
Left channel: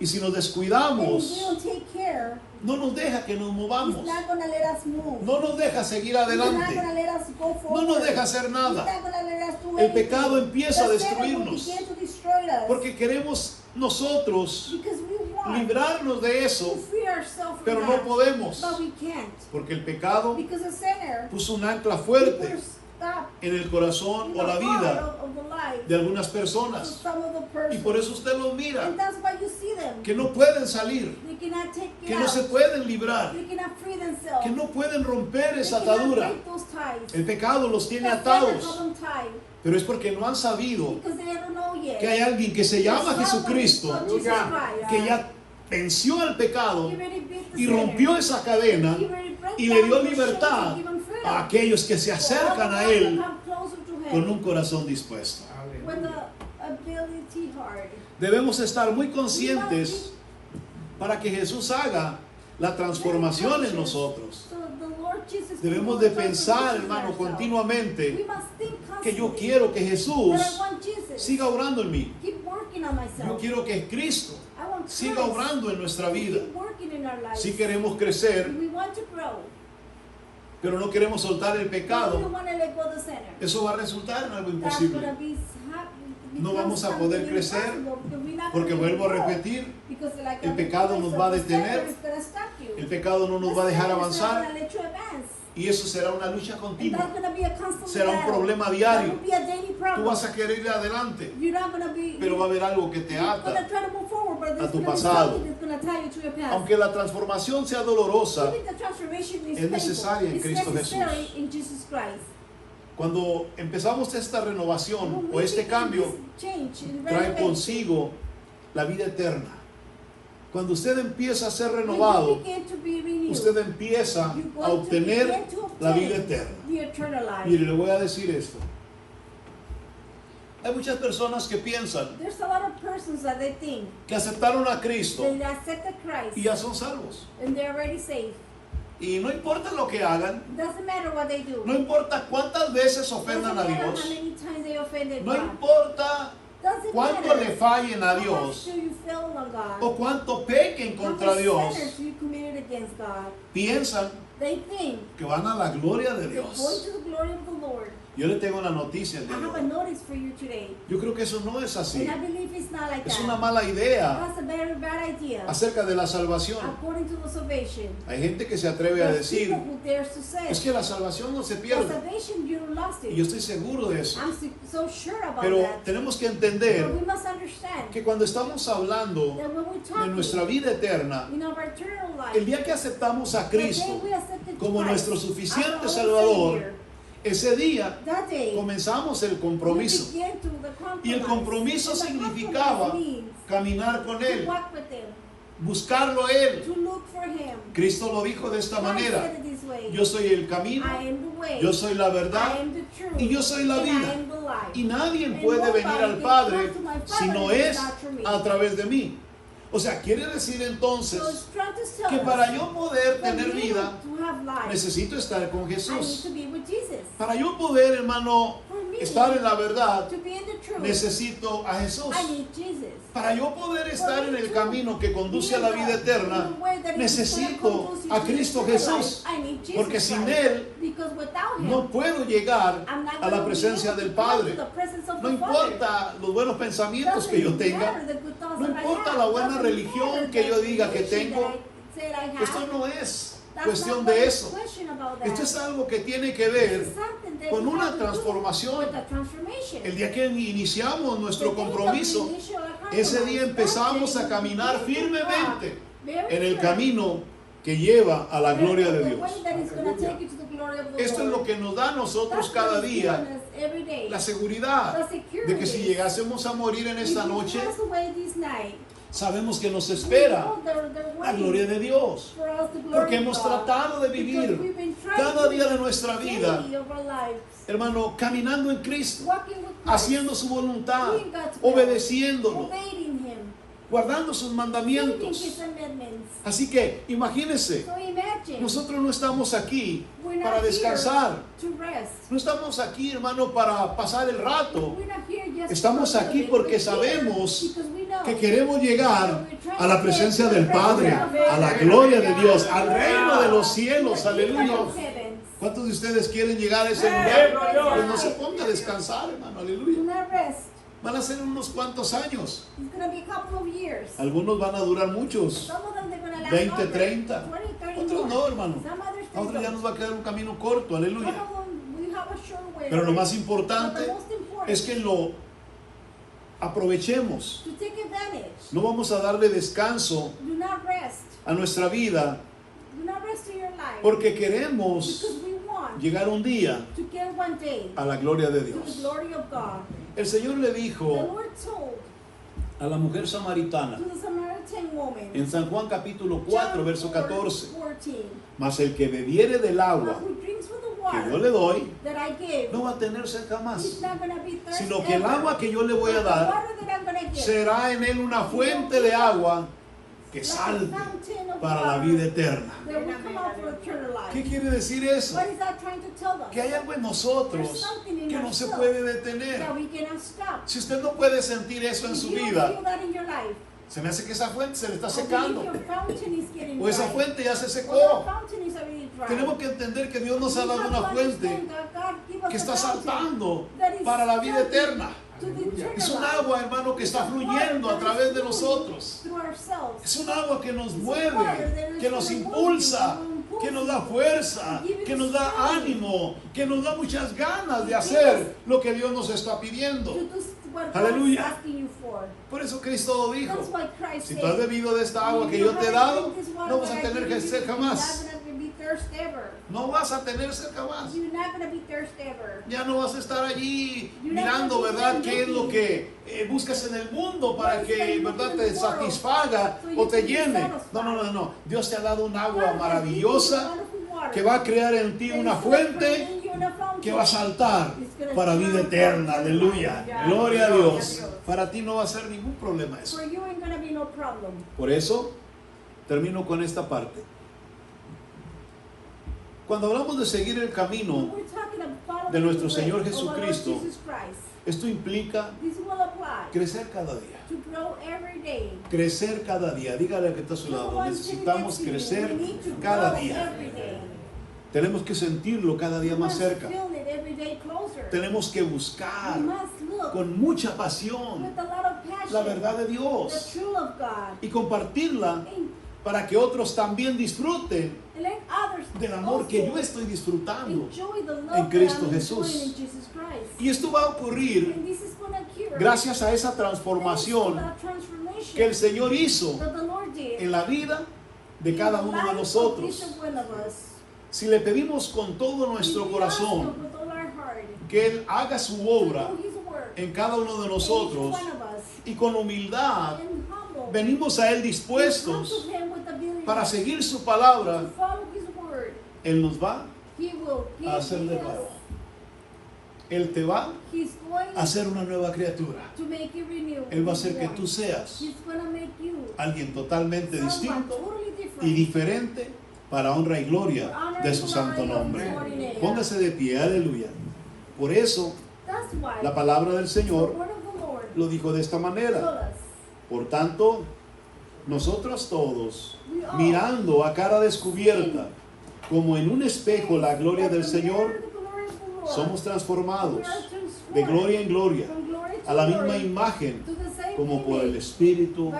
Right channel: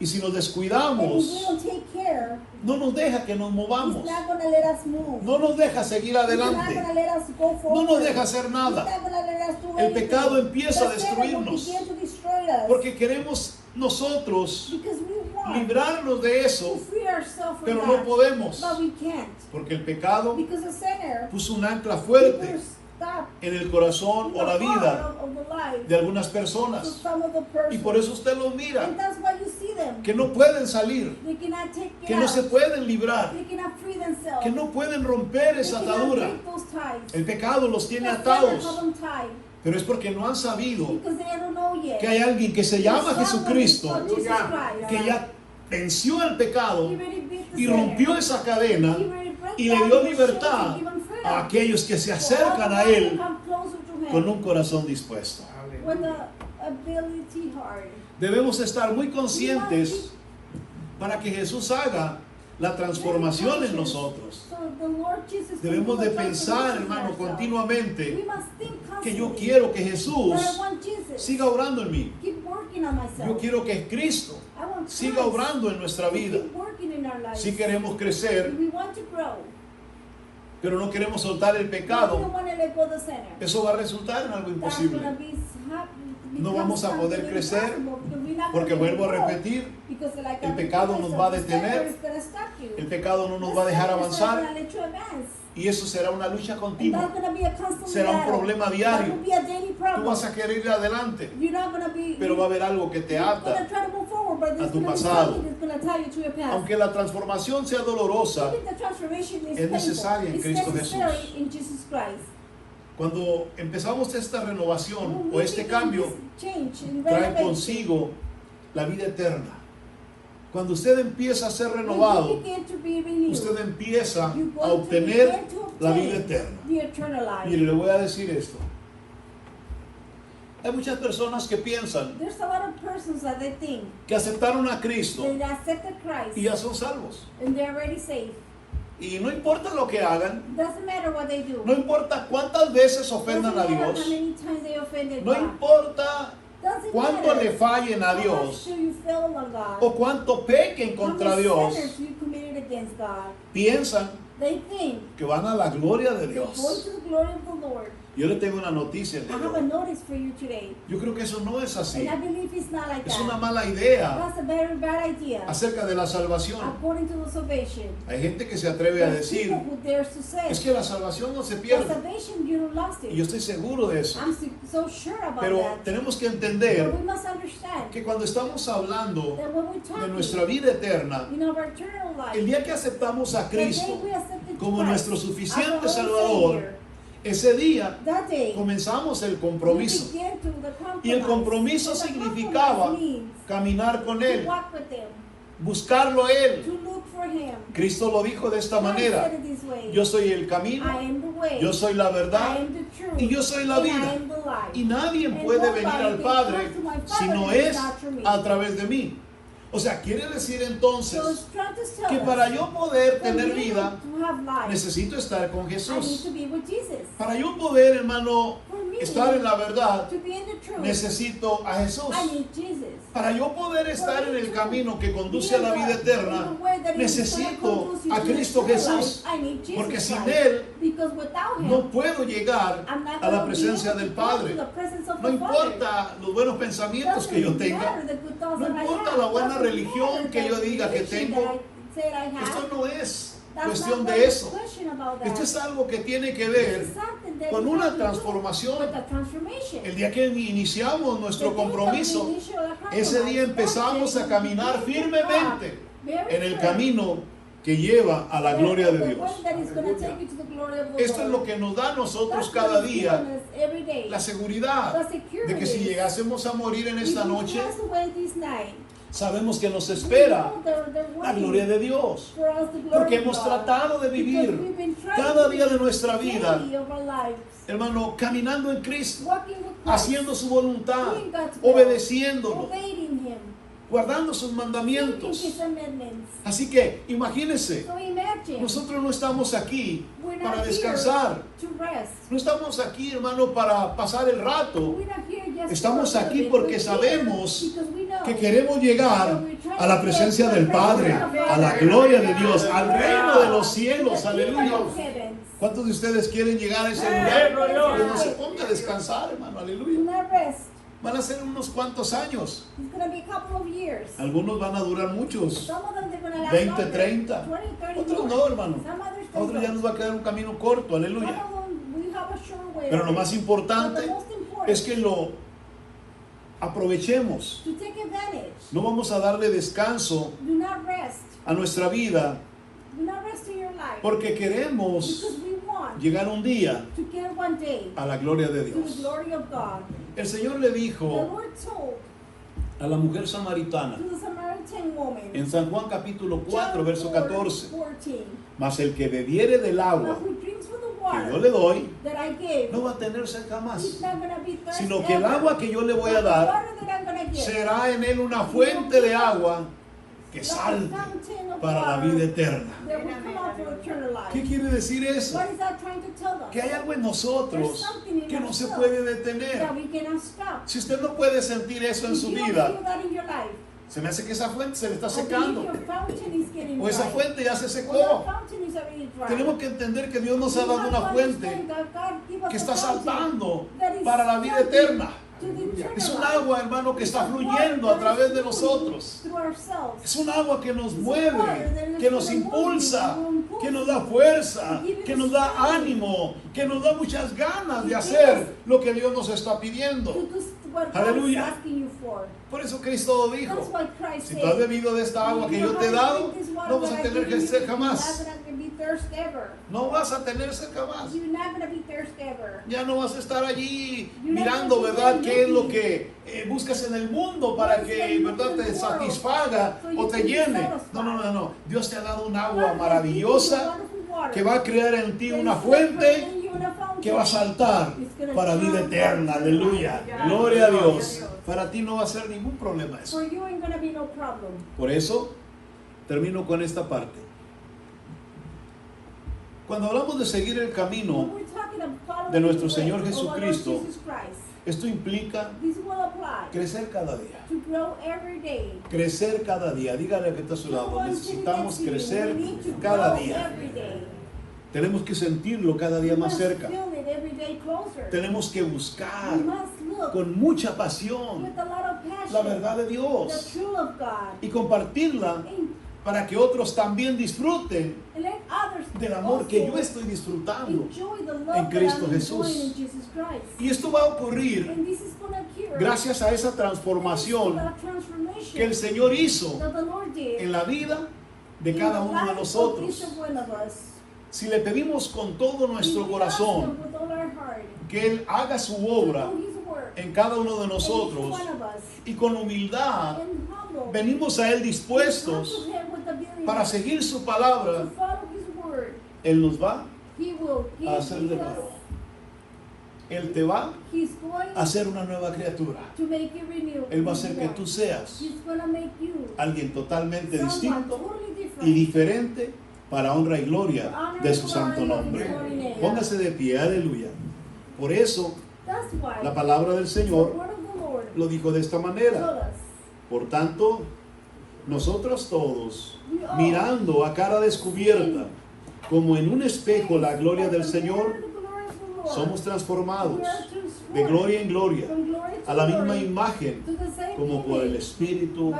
Y si nos and if we descuidamos, don't take care, no nos deja que nos He's movamos. not gonna let us move. No nos deja seguir He's not adelante. gonna let us go No forward. nos deja hacer He's nada. not gonna let us do El anything. pecado empieza a The sinner will destruirnos. begin to destroy us. Porque queremos nosotros Because we want librarnos de to eso, free ourselves from pero that. no podemos. But we can't. Porque el pecado Because the sinner puso un ancla will fuerte stop en el corazón o la vida of the life de algunas of personas. some of the persons. Y por eso usted los mira, And that's why you see them. que no pueden salir, They cannot take que it no se out. pueden librar, They cannot free themselves. que no pueden romper They esa cannot atadura. break those ties. El pecado los tiene The sinner have atados, them tied pero es porque no han sabido because they don't know yet. que hay alguien que se llama There's someone Jesucristo, called Jesus Christ. que ya venció el pecado He already beat the y sinner. rompió esa cadena He already broke y le down dio the libertad chains and given freedom. a aquellos que se acercan a For all the Él ones who come closer to him con un corazón dispuesto. with the ability hard. Debemos estar muy conscientes para que Jesús haga la transformación en nosotros. So the Lord Jesus can Debemos do de the pensar, transformation hermano, in ourselves. continuamente We must think que yo constantly quiero que that I Jesús want Jesus. siga obrando en mí. Keep working on myself. Yo quiero que Cristo I want siga Christ obrando en nuestra vida. keep working in our lives. Si queremos crecer, We want to grow. pero no queremos soltar el But we pecado, don't want to let go of the sinner. eso va a resultar en algo That's imposible. gonna be No vamos a poder crecer, porque vuelvo a repetir, el pecado nos va a detener, el pecado no nos va a dejar avanzar, y eso será una lucha continua, será un problema diario. Tú vas a querer ir adelante, pero va a haber algo que te ata a tu pasado. Aunque la transformación sea dolorosa, es necesaria en Cristo Jesús. Cuando empezamos esta renovación o este cambio, trae consigo la vida eterna. Cuando usted empieza a ser renovado, usted empieza a obtener la vida eterna. Mire, le voy a decir esto. Hay muchas personas que piensan que aceptaron a Cristo y ya son salvos. Y no importa lo que hagan, no importa cuántas veces ofendan a Dios, no importa cuánto le fallen a Dios o cuánto pequen contra Dios, piensan que van a la gloria de Dios. Yo le tengo una noticia el día de hoy. Yo creo que eso no es así. Es una mala idea acerca de la salvación. Hay gente que se atreve a decir, es que la salvación no se pierde. Y yo estoy seguro de eso. Pero tenemos que entender que cuando estamos hablando de nuestra vida eterna, el día que aceptamos a Cristo como nuestro suficiente Salvador, ese día comenzamos el compromiso. Y el compromiso significaba caminar con Él, buscarlo a Él. Cristo lo dijo de esta manera: yo soy el camino, yo soy la verdad y yo soy la vida. Y nadie puede venir al Padre si no es a través de mí. O sea, quiere decir entonces que para yo poder tener vida, necesito estar con Jesús. Para yo poder, hermano, estar en la verdad, necesito a Jesús. Para yo poder estar en el camino que conduce a la vida eterna, necesito a Cristo Jesús. Porque sin Él no puedo llegar a la presencia del Padre. No importa los buenos pensamientos que yo tenga, no importa la buena religión que yo diga que tengo, esto no es cuestión de eso. Esto es algo que tiene que ver con una transformación. El día que iniciamos nuestro compromiso, ese día empezamos a caminar firmemente en el camino que lleva a la gloria de Dios. Esto es lo que nos da a nosotros cada día la seguridad de que si llegásemos a morir en esta noche, sabemos que nos espera la gloria de Dios, porque hemos tratado de vivir cada día de nuestra vida, hermano, caminando en Cristo, haciendo su voluntad, obedeciéndolo, guardando sus mandamientos. Así que imagínense, nosotros no estamos aquí para descansar, no estamos aquí, hermano, para pasar el rato. Estamos aquí porque sabemos que queremos llegar a la presencia del Padre, a la gloria de Dios, al reino de los cielos. Aleluya. ¿Cuántos de ustedes quieren llegar a ese lugar? Pues no se ponga a descansar, hermano. Aleluya. Van a ser unos cuantos años. Algunos van a durar muchos, 20, 30. Otros no, hermano. A otros ya nos va a quedar un camino corto. Aleluya. Pero lo más importante es que lo aprovechemos. No vamos a darle descanso a nuestra vida porque queremos llegar un día a la gloria de Dios. El Señor le dijo a la mujer samaritana en San Juan capítulo 4 verso 14: mas el que bebiere del agua que yo le doy no va a tener sed jamás, sino que el agua que yo le voy a dar será en él una fuente de agua que salte para la vida eterna. ¿Qué quiere decir eso? Que hay algo en nosotros que no se puede detener. Si usted no puede sentir eso en su vida, Se me hace que esa fuente se le está I believe secando. your fountain is getting O esa dry. fuente ya se Or secó. your fountain is already dry. Tenemos que entender que Dios nos ha We dado have una to fuente understand that God give us que a está fountain saltando that is para la vida salting eterna. to the eternal Es un life. agua, hermano, que está It's a water fluyendo a that través is de flowing nosotros. through ourselves. Es un agua que nos It's a mueve, water that is que nos gonna move impulsa, you, que nos da fuerza, que nos da ánimo, que nos da muchas ganas de hacer lo que Dios nos está pidiendo. to do what God Aleluya. is asking you for. Por eso Cristo dijo, That's why Christ si said, tú has bebido de esta agua que yo te he dado, no vas a tener que sed jamás. No vas a tener sed jamás. You're not gonna be thirsty ever. Ya no vas a estar allí mirando, ¿verdad?, qué es lo que buscas en el mundo para que, ¿verdad?, te satisfaga o te llene. No, no, no, no. Dios te ha dado un agua maravillosa que va a crear en ti una fuente que va a saltar para vida eterna. Aleluya. Gloria a Dios. Para ti no va a ser ningún problema eso. For you ain't gonna be no problem. Por eso, termino con esta parte. Cuando hablamos de seguir el camino, When we're talking about following de nuestro the Señor way of our Lord Jesucristo, Jesus Christ, esto implica this will apply crecer cada día. to grow every day. Crecer cada día. Dígale que está a su lado. Necesitamos crecer cada día. Tenemos que sentirlo cada día más cerca. Tenemos que buscar con mucha pasión la verdad de Dios y compartirla para que otros también disfruten del amor que yo estoy disfrutando en Cristo Jesús. Y esto va a ocurrir gracias a esa transformación que el Señor hizo en la vida de cada uno de nosotros. Si le pedimos con todo nuestro corazón que Él haga su obra en cada uno de nosotros y con humildad venimos a Él dispuestos para seguir su palabra, Él nos va a hacer de nuevo. Él te va a hacer una nueva criatura. Él va a hacer que tú seas alguien totalmente distinto y diferente para honra y gloria de su santo nombre. Póngase de pie, aleluya. Por eso la palabra del Señor lo dijo de esta manera. Por tanto, nosotros todos, mirando a cara descubierta, como en un espejo la gloria del Señor, somos transformados de gloria en gloria a la misma imagen como por el Espíritu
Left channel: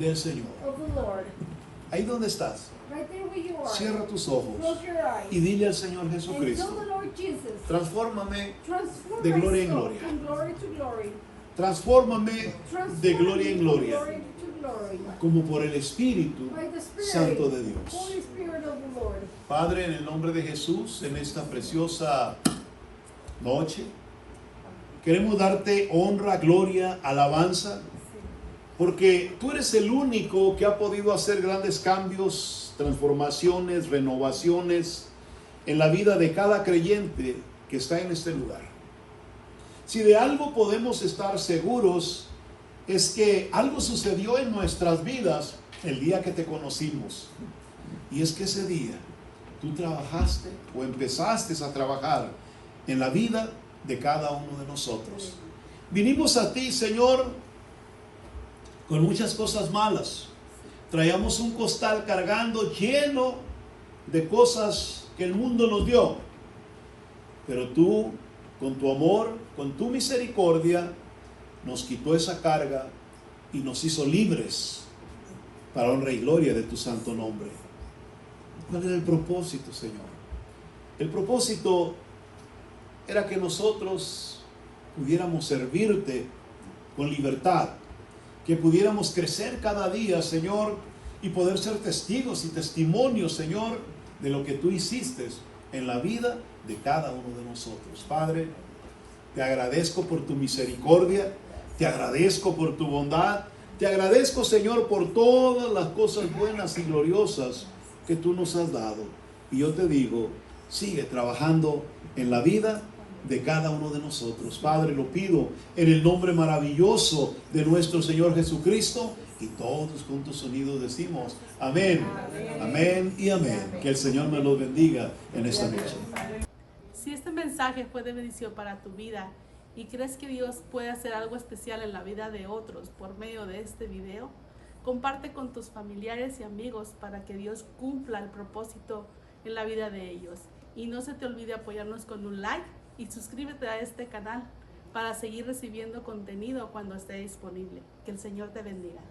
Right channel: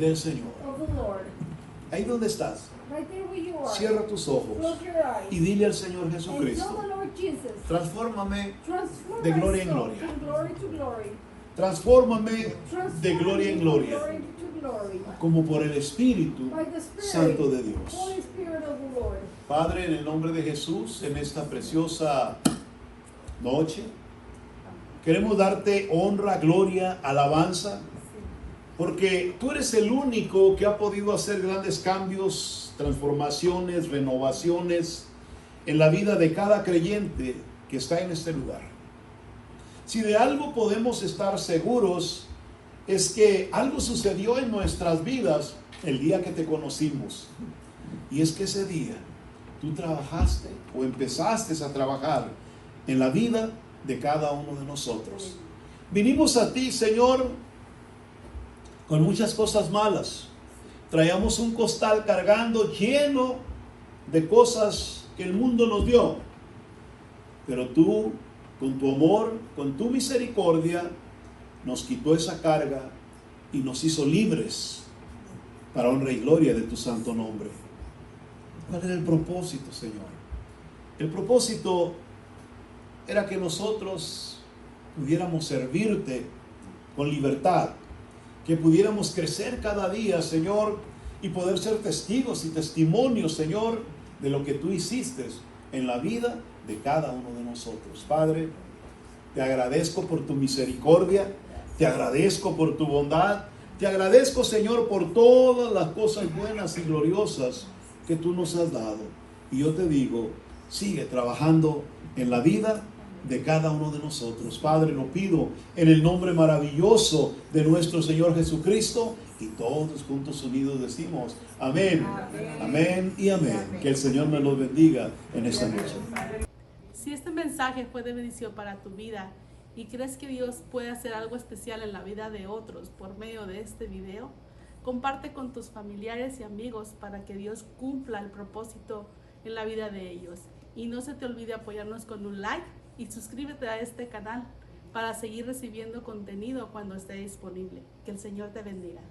del Señor. Ahí donde estás, cierra tus ojos y dile al Señor Jesucristo: transfórmame de gloria en gloria. Transfórmame de gloria en gloria, como por el Espíritu Santo de Dios. Padre, en el nombre de Jesús, en esta preciosa noche, queremos darte honra, gloria, alabanza, porque tú eres el único que ha podido hacer grandes cambios, transformaciones, renovaciones en la vida de cada creyente que está en este lugar. Si de algo podemos estar seguros, es que algo sucedió en nuestras vidas el día que te conocimos. Y es que ese día tú trabajaste o empezaste a trabajar en la vida de cada uno de nosotros. Vinimos a ti, Señor, con muchas cosas malas. Traíamos un costal cargando lleno de cosas que el mundo nos dio. Pero tú, con tu amor, con tu misericordia, nos quitó esa carga y nos hizo libres para honra y gloria de tu santo nombre. ¿Cuál era el propósito, Señor? El propósito era que nosotros pudiéramos servirte con libertad, que pudiéramos crecer cada día, Señor, y poder ser testigos y testimonios, Señor, de lo que tú hiciste en la vida de cada uno de nosotros. Padre, te agradezco por tu misericordia, te agradezco por tu bondad, te agradezco, Señor, por todas las cosas buenas y gloriosas que tú nos has dado. Y yo te digo, sigue trabajando en la vida de cada uno de nosotros. Padre, lo pido en el nombre maravilloso de nuestro Señor Jesucristo, y todos juntos unidos decimos amén, amén y amén. Que el Señor me los bendiga en esta noche. Si este mensaje fue de bendición para tu vida y crees que Dios puede hacer algo especial en la vida de otros por medio de este video, comparte con tus familiares y amigos para que Dios cumpla el propósito en la vida de ellos. Y no se te olvide apoyarnos con un like y suscríbete a este canal para seguir recibiendo contenido cuando esté disponible. Que el Señor te bendiga.